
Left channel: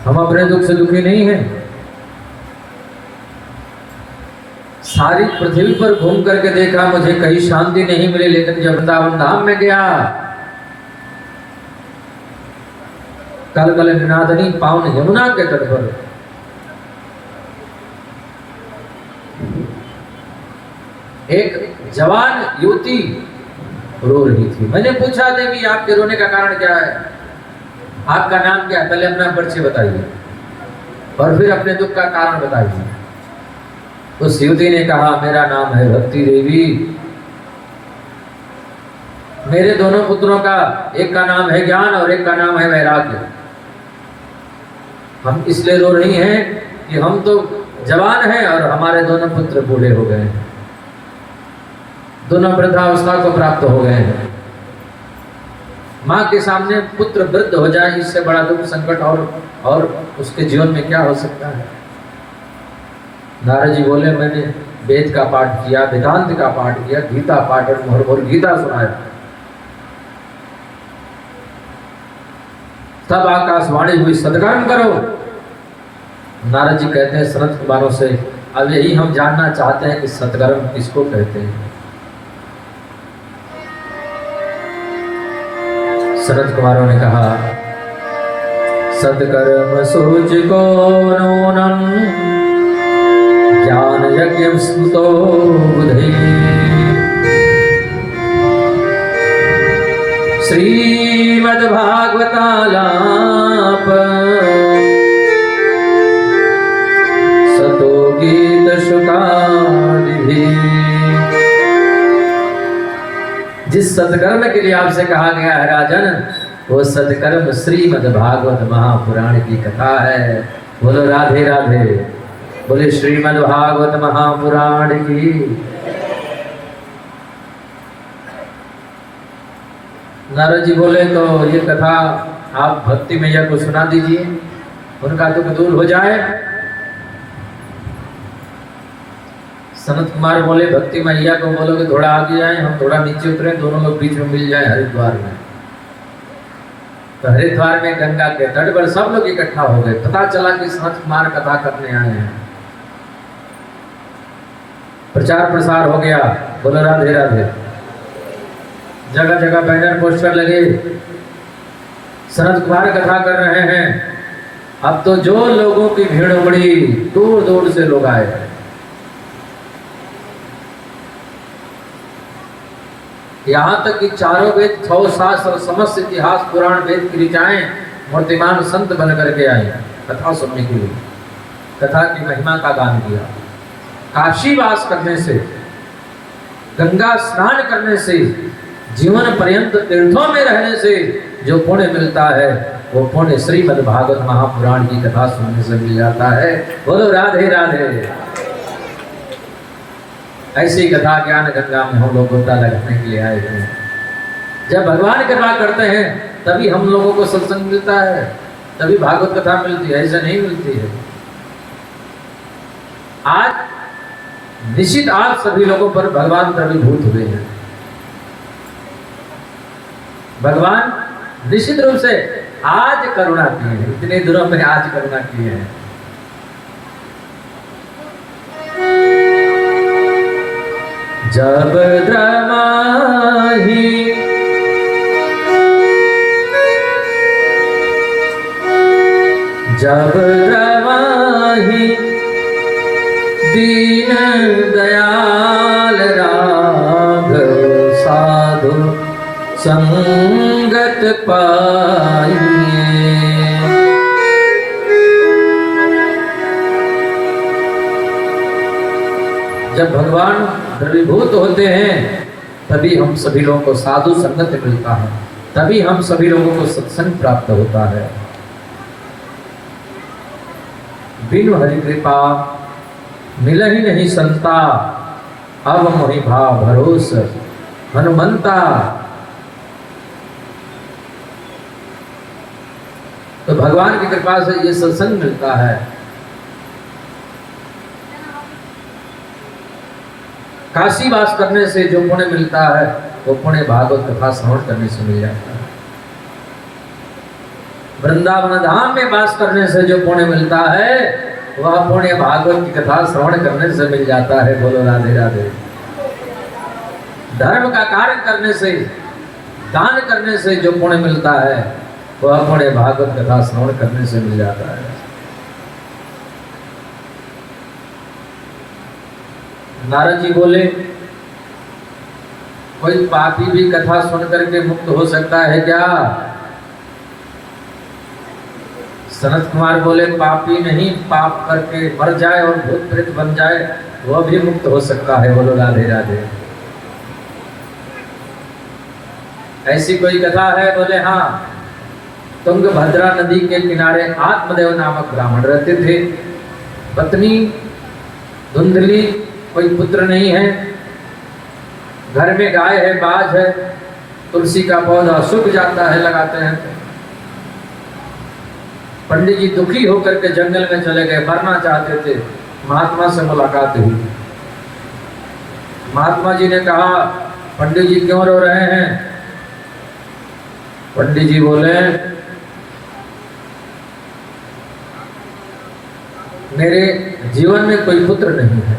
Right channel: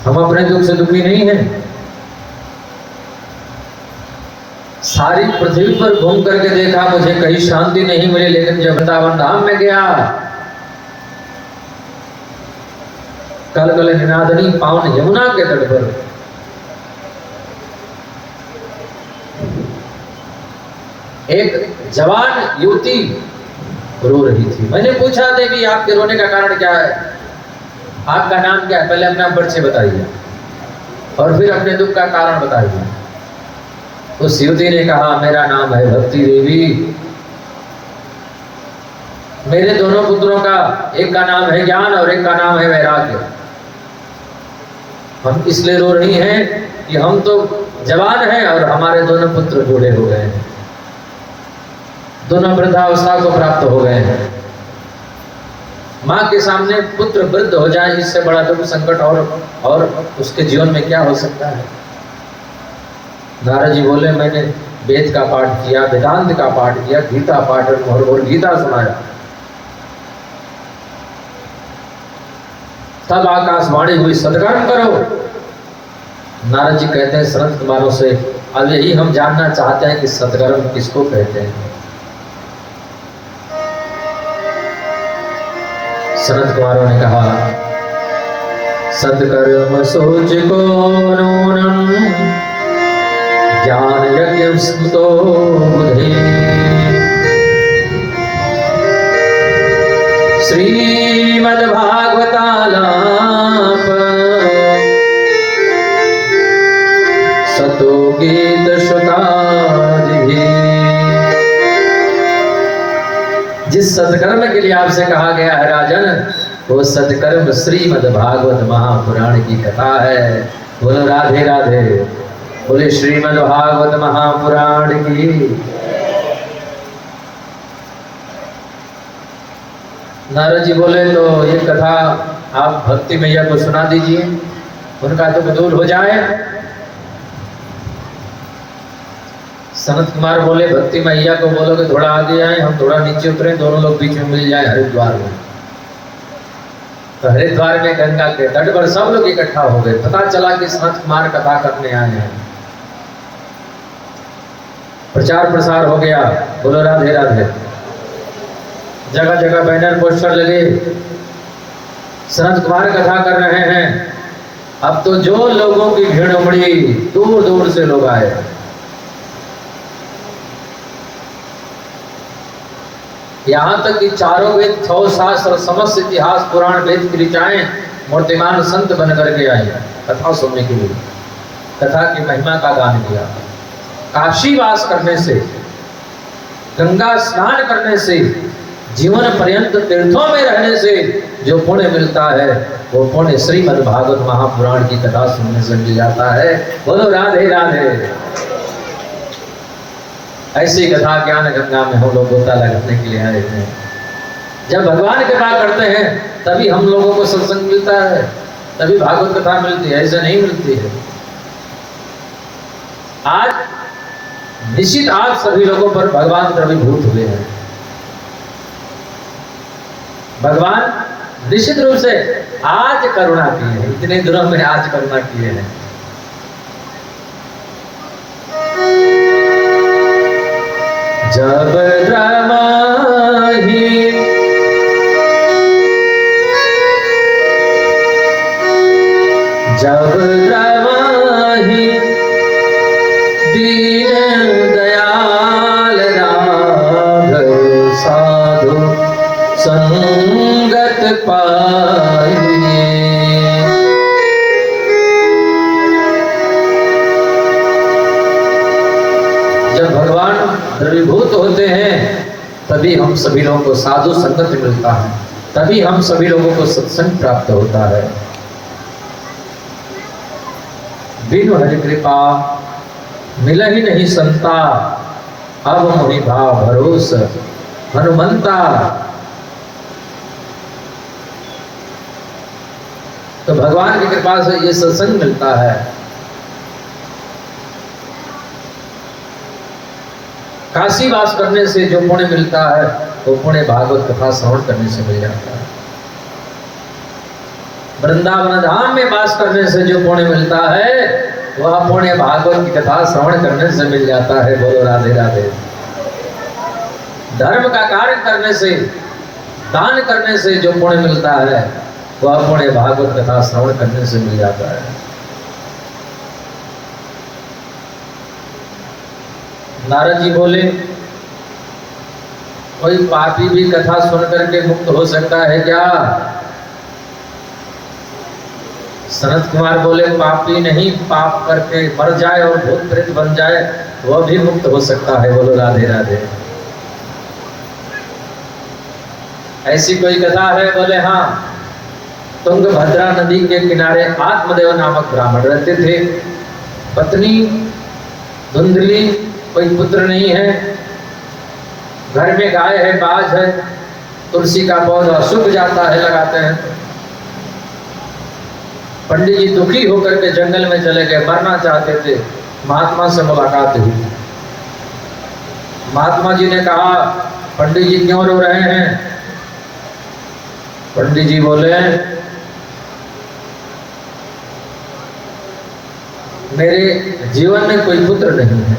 हम अपने दुख से दुखी नहीं हैं। सारी पृथ्वी पर घूम करके देखा, मुझे कहीं शांति नहीं मिली, लेकिन जब वृंदावन धाम में गया कल कल निनादनी पावन यमुना के तट पर एक जवान युवती रो रही थी। मैंने पूछा, देवी आपके रोने का कारण क्या है, आपका नाम क्या है, पहले अपना परिचय बताइए और फिर अपने दुख का कारण बताइए। उस युवती ने कहा, मेरा नाम है भक्ति देवी, मेरे दोनों पुत्रों का, एक का नाम है ज्ञान और एक का नाम है वैराग्य। हम इसलिए रो रही हैं कि हम तो जवान हैं और हमारे दोनों पुत्र बूढ़े हो गए हैं, दोनों वृद्धावस्था को प्राप्त हो गए हैं। माँ के सामने पुत्र वृद्ध हो जाए, इससे बड़ा दुख संकट और उसके जीवन में क्या हो सकता है। नारद जी बोले, मैंने वेद का पाठ किया, वेदांत का पाठ किया, गीता पाठ और गीता सुनाया। तब आकाशवाणी हुई, सत्कर्म करो। नारद जी कहते हैं सनत कुमारों से, अब यही हम जानना चाहते हैं कि सत्कर्म किसको कहते हैं। सनत कुमारों ने कहा, सत्कर्म सोच को नूनम ज्ञान यज्ञ स्मृतो बुधे श्रीमद्भागवतालाप सतो गीत शुकादिभिः। जिस सत्कर्म के लिए आपसे कहा गया है राजन, वो सत्कर्म श्रीमद्भागवत महापुराण की कथा है। बोलो राधे राधे, बोले श्रीमद्भागवत महापुराण की। नारद जी बोले, तो ये कथा आप भक्ति मैया को सुना दीजिए, उनका दुख दूर हो जाए। सनत कुमार बोले, भक्ति मैया को बोलो कि थोड़ा आगे आए, हम थोड़ा नीचे उतरे, दोनों लोग बीच में मिल जाए हरिद्वार में। तो हरिद्वार में गंगा के तट पर सब लोग इकट्ठा हो गए। पता चला कि सनत कुमार कथा करने आए हैं। प्रचार प्रसार हो गया। बोलो राधे राधे। जगह जगह बैनर पोस्टर लगे, सनत कुमार कथा कर रहे हैं। अब तो जो लोगों की भीड़ उमड़ी, दूर दूर से लोग आए। यहाँ तक कि चारों वेद, 6 शास्त्र, समस्त इतिहास, पुराण, वेद की ऋचाएं मूर्तिमान संत बन करके आए कथा सुनने के लिए। कथा की महिमा का गान किया। काशी वास करने से, गंगा स्नान करने से, जीवन पर्यंत तीर्थों में रहने से जो पुण्य मिलता है, वो पुण्य श्रीमद् भागवत महापुराण की कथा सुनने से मिल जाता है। बोलो राधे राधे। ऐसी कथा ज्ञान गंगा में हम लोग गोता लगाने के लिए आए हैं। जब भगवान कृपा करते हैं तभी हम लोगों को सत्संग मिलता है, तभी भागवत कथा मिलती है, ऐसे नहीं मिलती है। आज निश्चित आप सभी लोगों पर भगवान द्रवीभूत हुए हैं। भगवान निश्चित रूप से आज करुणा की है, इतने दिनों में आज करुणा किए हैं। जब द्रवाही दीन दयाल राघव साधु संगत पाइए। जब भगवान द्रवीभूत होते हैं तभी हम सभी लोगों को साधु संगत मिलता है, तभी हम सभी लोगों को सत्संग प्राप्त होता है। बिनु हरि कृपा मिल ही नहीं संता, अब मोहि भाव भरोस हनुमंता। तो भगवान की कृपा से ये सत्संग मिलता है। काशी वास करने से जो पुण्य मिलता है, वो पुण्य भागवत कथा श्रवण करने से मिल जाता है। वृंदावन धाम में वास करने से जो पुण्य मिलता है, वह पुण्य भागवत की कथा श्रवण करने से मिल जाता है। बोलो राधे राधे। धर्म का कार्य करने से, दान करने से जो पुण्य मिलता है, वह पुण्य भागवत कथा श्रवण करने से मिल जाता है। नारद जी बोले, कोई पापी भी कथा सुन करके मुक्त हो सकता है क्या? सनत कुमार बोले, पापी नहीं, पाप करके मर जाए और भूत प्रेत बन जाए वह भी मुक्त हो सकता है। बोलो राधे राधे। ऐसी कोई कथा है? बोले हाँ। तुंगभद्रा नदी के किनारे आत्मदेव नामक ब्राह्मण रहते थे। पत्नी धुंधली, कोई पुत्र नहीं है, घर में गाय है, बाज है, तुलसी का पौधा सूख जाता है, लगाते हैं। पंडित जी दुखी होकर के जंगल में चले गए, मरना चाहते थे। महात्मा से मुलाकात हुई। महात्मा जी ने कहा, पंडित जी क्यों रो रहे हैं? पंडित जी बोले, मेरे जीवन में कोई पुत्र नहीं है।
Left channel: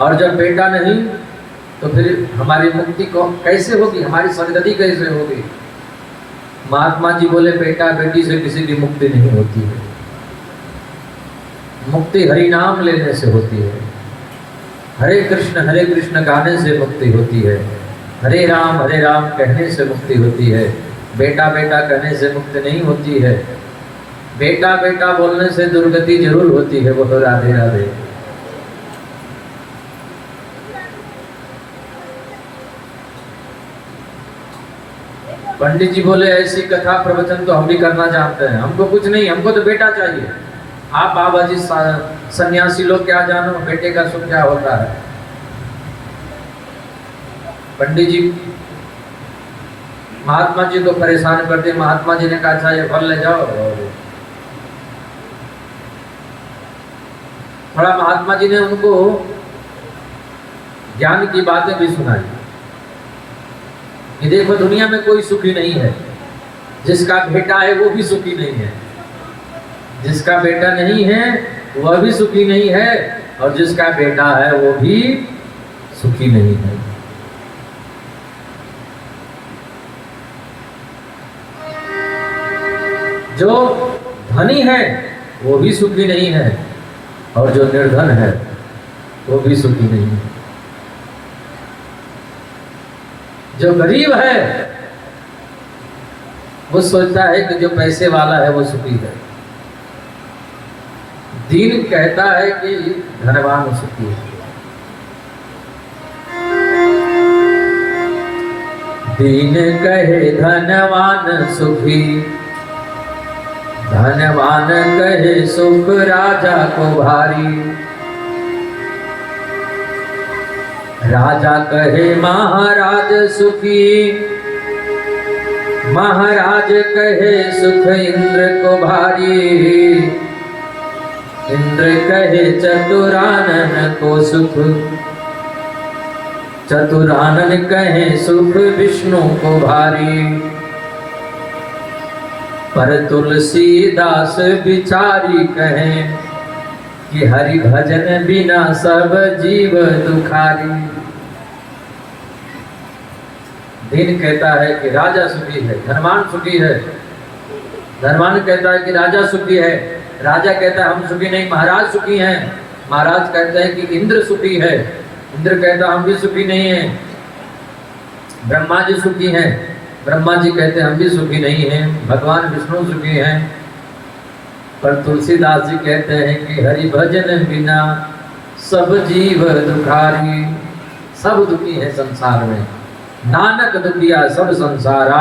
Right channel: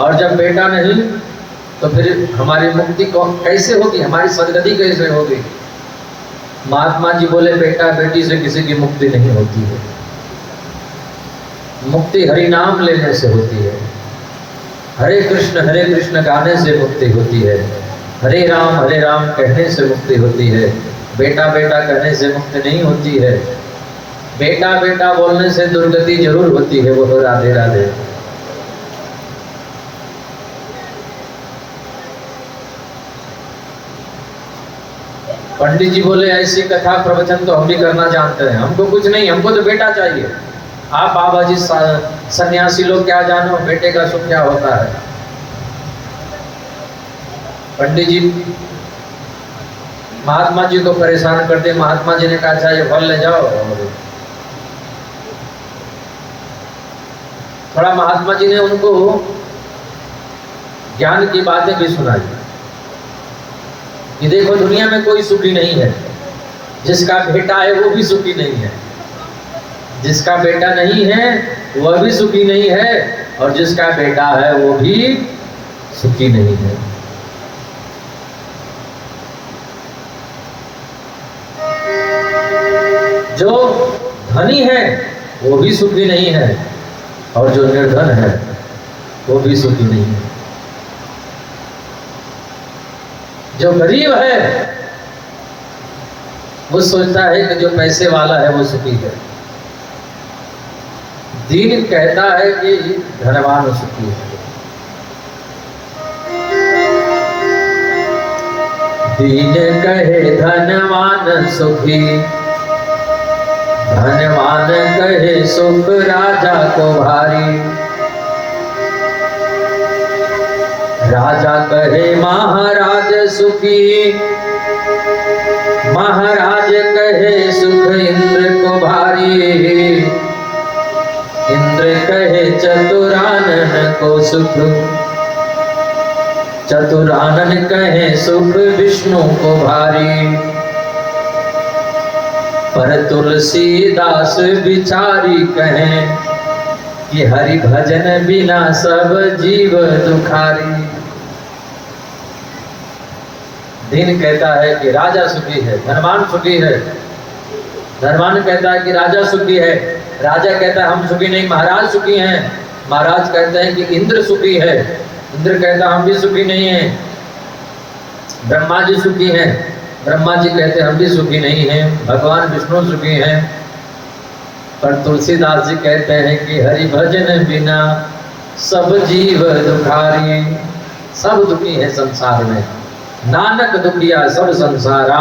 और जब बेटा नहीं तो फिर हमारी मुक्ति को कैसे होगी, हमारी सदगति कैसे होगी? महात्मा जी बोले, बेटा बेटी से किसी की मुक्ति नहीं होती है। मुक्ति हरि नाम लेने से होती है। हरे कृष्ण गाने से मुक्ति होती है। हरे राम कहने से मुक्ति होती है। बेटा बेटा कहने से मुक्ति नहीं होती है। बेटा बेटा बोलने से दुर्गति जरूर होती है। बोलो राधे राधे। पंडित जी बोले, ऐसी कथा प्रवचन तो हम भी करना जानते हैं, हमको कुछ नहीं, हमको तो बेटा चाहिए। आप बाबा जी सन्यासी लोग क्या जानो बेटे का सुख क्या होता है। पंडित जी महात्मा जी को परेशान करते। महात्मा जी ने कहा, अच्छा ये फल ले जाओ। और थोड़ा महात्मा जी ने उनको ज्ञान की बातें भी सुनाई कि देखो दुनिया में कोई सुखी नहीं है। जिसका बेटा है वो भी सुखी नहीं है, जिसका बेटा नहीं है वह भी सुखी नहीं है, और जिसका बेटा है वो भी सुखी नहीं है। जो धनी है वो भी सुखी नहीं है, और जो निर्धन है वो भी सुखी नहीं है। जो गरीब है वो सोचता है कि जो पैसे वाला है वो सुखी है। दीन कहता है कि धनवान सुखी है। दीन कहे धनवान सुखी, धनवान कहे सुख राजा को भारी। राजा कहे महाराज सुखी, महाराज कहे सुख इंद्र को भारी। इंद्र कहे चतुरानन को सुख, चतुरानन कहे सुख विष्णु को भारी। पर तुलसीदास बिचारी कहें कि हरि भजन बिना सब जीव दुखारी। दिन कहता है कि राजा सुखी है, धनवान सुखी है। धनवान कहता है कि राजा सुखी है, राजा कहता है हम सुखी नहीं, महाराज सुखी हैं। महाराज कहते हैं कि इंद्र सुखी है, इंद्र कहता हम भी सुखी नहीं हैं। ब्रह्मा जी सुखी हैं, ब्रह्मा जी कहते हम भी सुखी नहीं हैं। भगवान विष्णु सुखी हैं। पर तुलसीदास जी कहते हैं कि हरि भजन बिना सब जीव दुखारी। सब दुखी है संसार में, नानक दुखिया सब संसारा,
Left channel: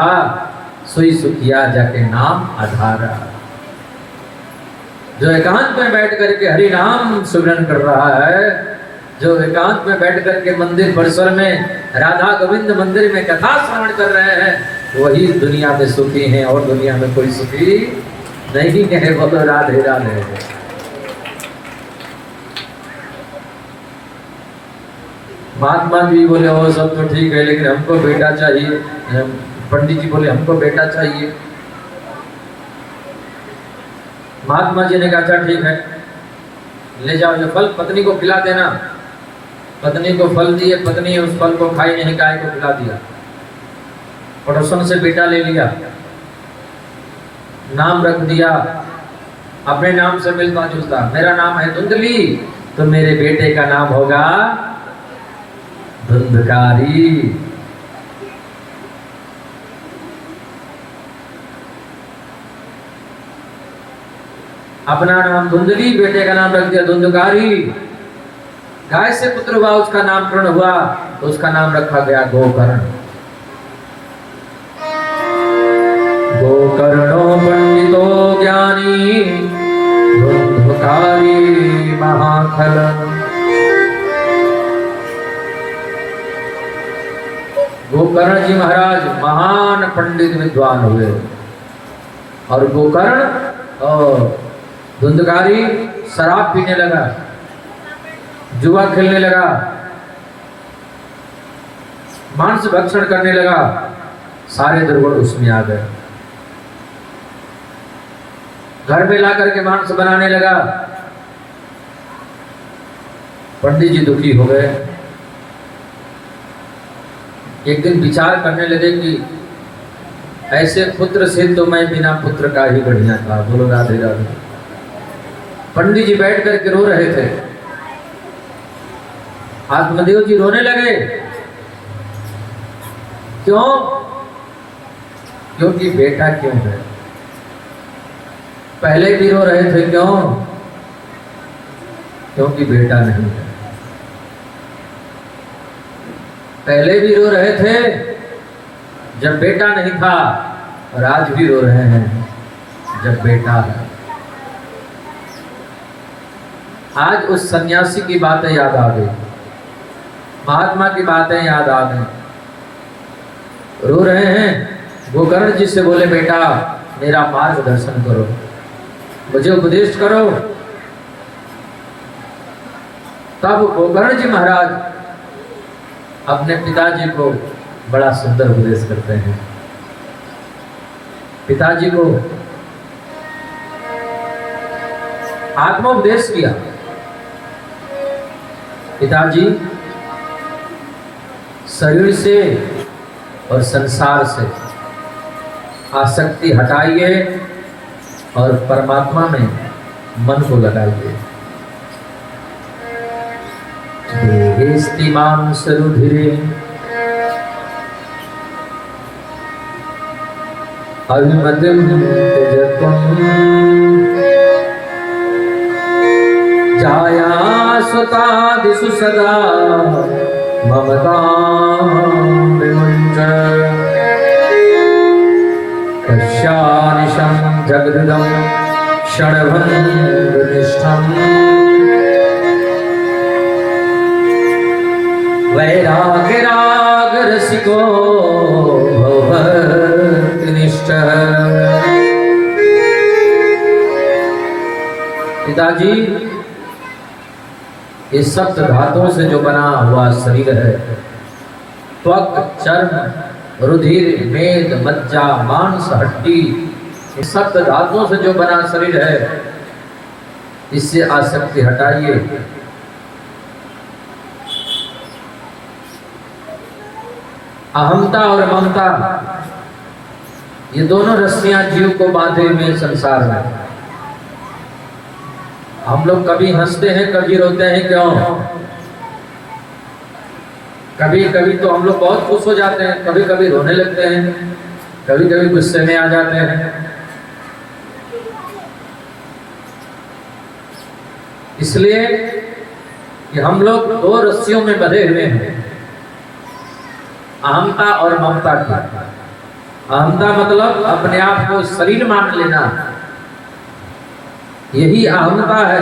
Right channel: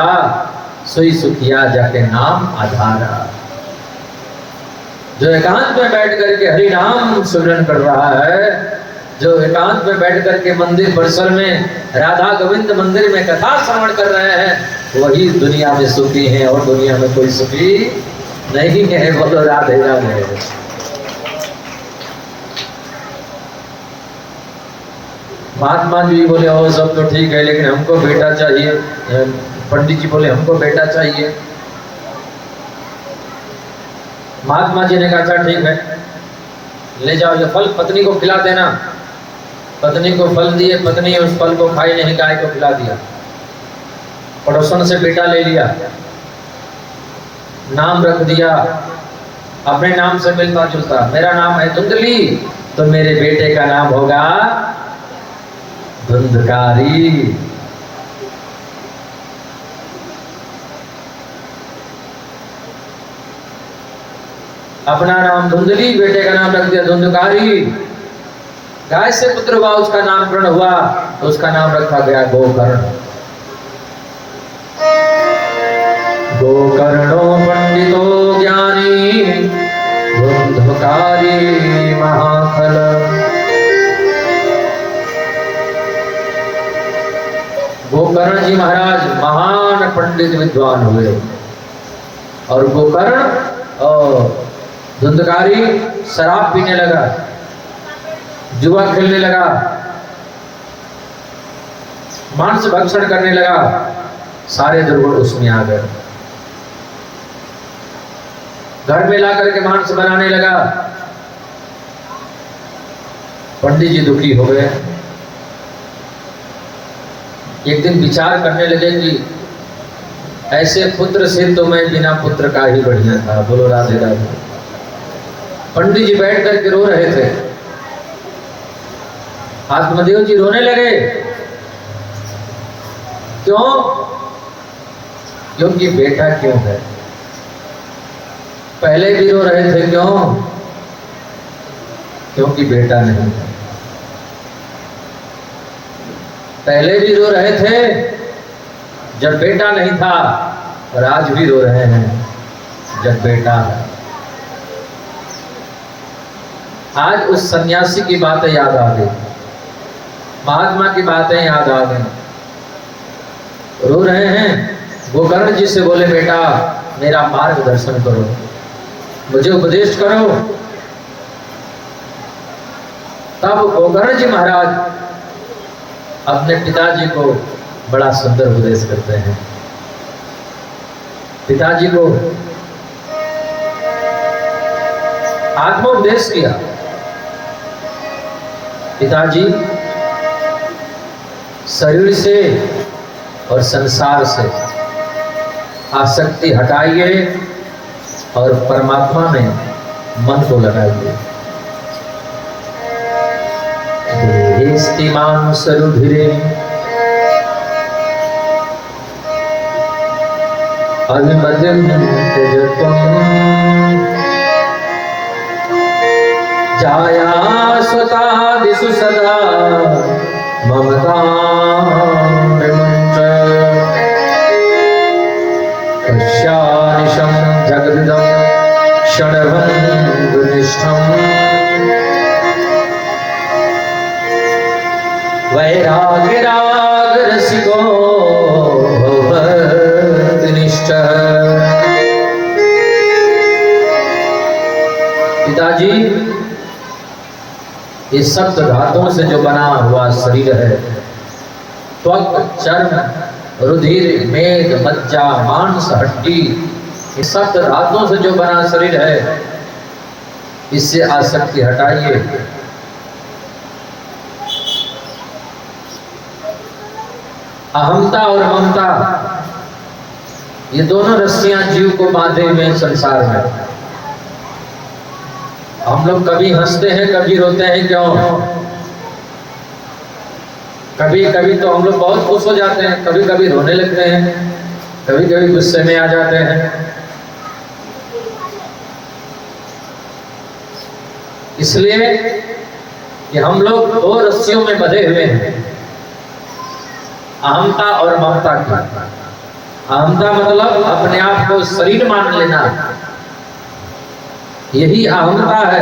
सोई सुखिया जाके नाम आधारा। जो एकांत में बैठ करके हरि नाम सुमिरन कर रहा है, जो एकांत में बैठ करके मंदिर परिसर में राधा गोविंद मंदिर में कथा श्रवण कर रहे हैं, वही दुनिया में सुखी हैं, और दुनिया में कोई सुखी नहीं है। बोलो राधे राधे। महात्मा जी बोले वो सब तो ठीक है, लेकिन हमको बेटा चाहिए। पंडित जी बोले हमको बेटा चाहिए। महात्मा जी ने कहा अच्छा ठीक है, ले जाओ ये फल पत्नी को खिला देना। पत्नी को फल दिए, पत्नी उस फल को खाई नहीं, गाय को खिला दिया। पड़ोसन से बेटा ले लिया, नाम रख दिया अपने नाम से मिलता जुलता। मेरा नाम है धुंधली, तो मेरे बेटे का नाम होगा धुंधकारी। अपना नाम धुंधली, बेटे का नाम रख दिया धुंधकारी। गाय से पुत्र हुआ, उसका नामकरण हुआ, तो उसका नाम रखा गया गोकर्ण। गोकर्णो पंडितो ज्ञानी धुंधकारी महाखल। गोकर्ण जी महाराज महान पंडित विद्वान हुए, और गोकर्ण और धुंधकारी शराब पीने लगा, जुआ खेलने लगा, मांस भक्षण करने लगा, सारे दुर्गुण उसमें आ गए। घर में ला करके मांस बनाने लगा। पंडित जी दुखी हो गए। एक दिन विचार करने लगे कि ऐसे पुत्र से तो मैं बिना पुत्र का ही बढ़िया था। बोलो राधे राधे। पंडित जी बैठ करके रो रहे थे। आत्मदेव जी रोने लगे। क्यों? क्योंकि बेटा क्यों है। पहले भी रो रहे थे, क्यों? क्योंकि बेटा नहीं था। पहले भी रो रहे थे जब बेटा नहीं था, और आज भी रो रहे हैं जब बेटा है। आज उस सन्यासी की बातें याद आ गई, महात्मा की बातें याद आ गई। रो रहे हैं। गोकर्ण जी से बोले, बेटा मेरा मार्गदर्शन करो, मुझे उपदेश करो। तब गोकर्ण जी महाराज अपने पिताजी को बड़ा सुंदर उपदेश करते हैं। पिताजी को आत्मोपदेश किया। पिताजी, शरीर से और संसार से आसक्ति हटाइए और परमात्मा में मन को लगाइए। देहेस्तिमां सरुधिरे अभिमतिं त्यजत्वं जायासुतादिषु सदा ममतां विमुञ्च। पश्यानिशं जगदिदं क्षणभङ्गुनिष्ठम् वैराग्यरागरसिको भवभक्तिनिष्ठः। पिताजी, इस सप्त धातुओं से जो बना हुआ शरीर है, त्वक, चर्म, रुधिर, मेद, मज्जा, मांस, हड्डी, इस सप्त धातुओं से जो बना शरीर है, इससे आसक्ति हटाइए। अहमता और ममता, ये दोनों रस्सियां जीव को बांधे हुए संसार में। हम लोग कभी हंसते हैं, कभी रोते हैं। क्यों? कभी कभी तो हम लोग बहुत खुश हो जाते हैं, कभी कभी रोने लगते हैं, कभी कभी गुस्से में आ जाते हैं। इसलिए कि हम लोग दो रस्सियों में बंधे हुए हैं, अहमता और ममता की। अहमता मतलब अपने आप को शरीर मान लेना, यही अहमता है।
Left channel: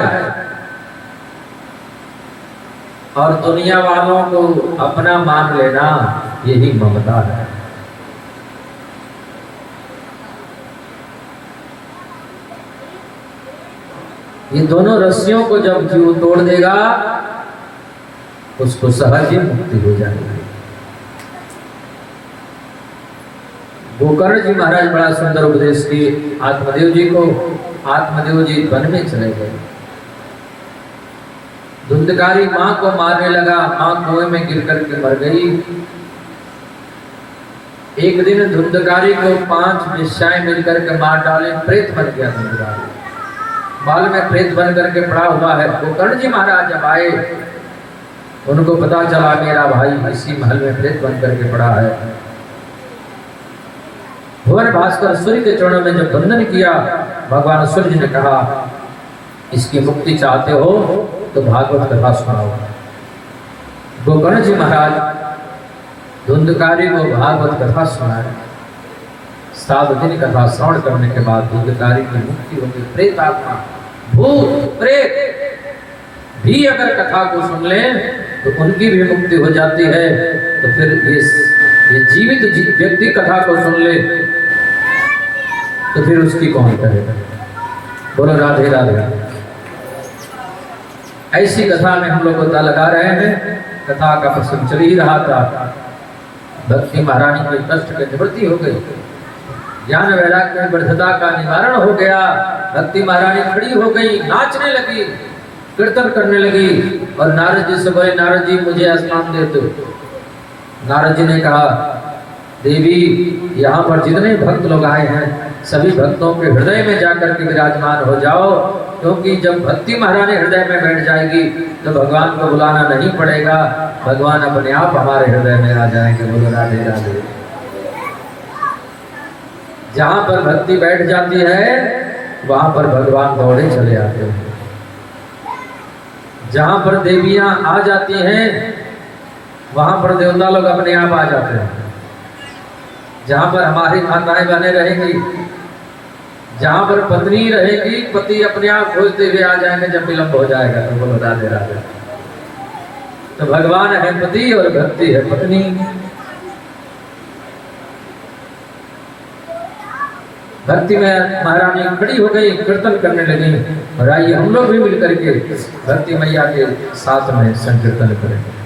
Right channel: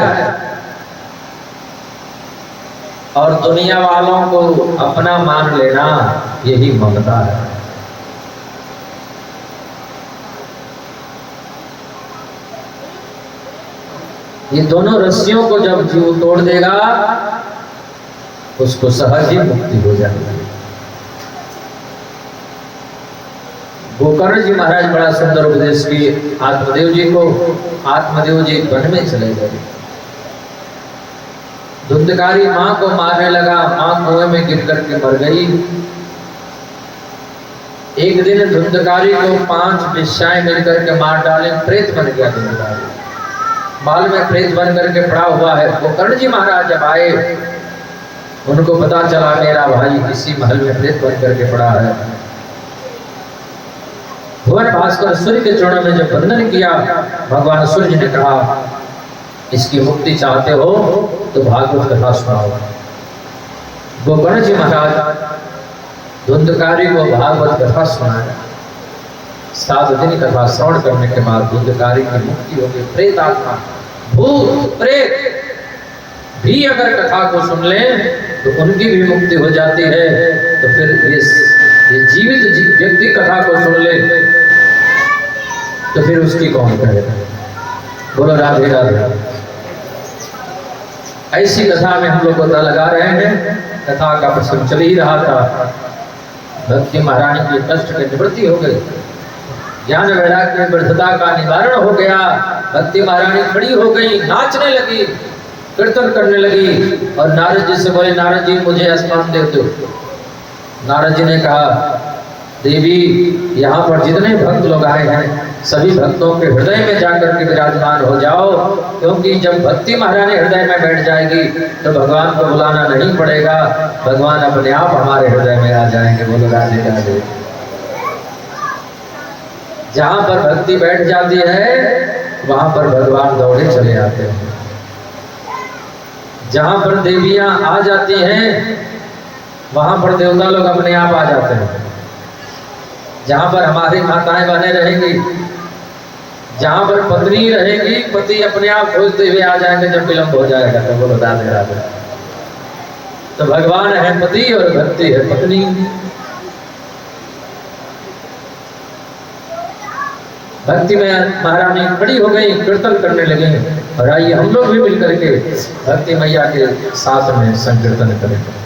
और दुनिया वालों को अपना मान लेना, यही ममता है। ये दोनों रस्सियों को जब जीव तोड़ देगा, उसको सहज ही मुक्ति हो जाएगी। गोकर्ण जी महाराज बड़ा सुंदर उपदेश किए आत्मदेव जी को। आत्मदेव जी वन में चले गए। धुंधकारी माँ को मारने लगा, माँ कुएं में गिर करके मर गई। एक दिन धुंधकारी को 5 वेश्याएं मिलकर के मार डाले, प्रेत बन गया धुंधकारी, बाल में प्रेत बन करके पड़ा हुआ है। वो कर्ण जी महाराज जब आए, उनको पता चला मेरा भाई इसी महल में प्रेत बन करके पड़ा है। भुवन भास्कर सूर्य के चरणों में जब वंदन किया, भगवान सूर्य ने कहा इसकी मुक्ति चाहते हो तो भागवत कथा सुनाओ। गोकर्ण जी महाराज धुंधकारी को भागवत कथा सुनाए। 7 दिन कथा श्रवण करने के बाद धुंधकारी की मुक्ति हो गई। प्रेत आत्मा, भूत प्रेत भी अगर कथा को सुन ले तो उनकी भी मुक्ति हो जाती है। तो फिर ये जीवित व्यक्ति कथा को सुन ले तो फिर उसकी कौन करेगा? बोलो राधे राधे। ऐसी कथा में हम लोग गोता लगा रहे हैं। कथा का प्रसंग चल ही रहा था। भक्ति महारानी के कष्ट की निवृत्ति हो गई, ज्ञान वैराग्य में वृद्धता का निवारण हो गया। भक्ति महारानी खड़ी हो गई, नाचने लगी, कीर्तन करने लगी और नारद जी से बोले नारद जी मुझे स्नान दे दो। नारद जी ने कहा देवी यहाँ पर जितने भक्त लोग आए हैं सभी भक्तों के हृदय में जाकर के विराजमान हो जाओ, क्योंकि जब भक्ति महारानी हृदय में बैठ जाएगी तो भगवान को बुलाना नहीं पड़ेगा, भगवान अपने आप हमारे हृदय में आ जाएंगे। बोलो राधे राधे। जहाँ पर भक्ति बैठ जाती है वहां पर भगवान दौड़े चले आते हैं। जहाँ पर देवियां आ जाती हैं वहां पर देवता लोग अपने आप आ जाते हैं। जहाँ पर हमारी माताएं बहनें रहेंगी, जहाँ पर पत्नी रहेगी, पति अपने आप खोजते हुए आ जाएंगे जब विलंब हो जाएगा। तो बोलो राधे राधे। तो भगवान है पति और भक्ति है पत्नी। भक्ति में महारानी खड़ी हो गई, कीर्तन करने लगी। और आइए हम लोग भी मिलकर के भक्ति मैया के साथ में संकीर्तन करेंगे।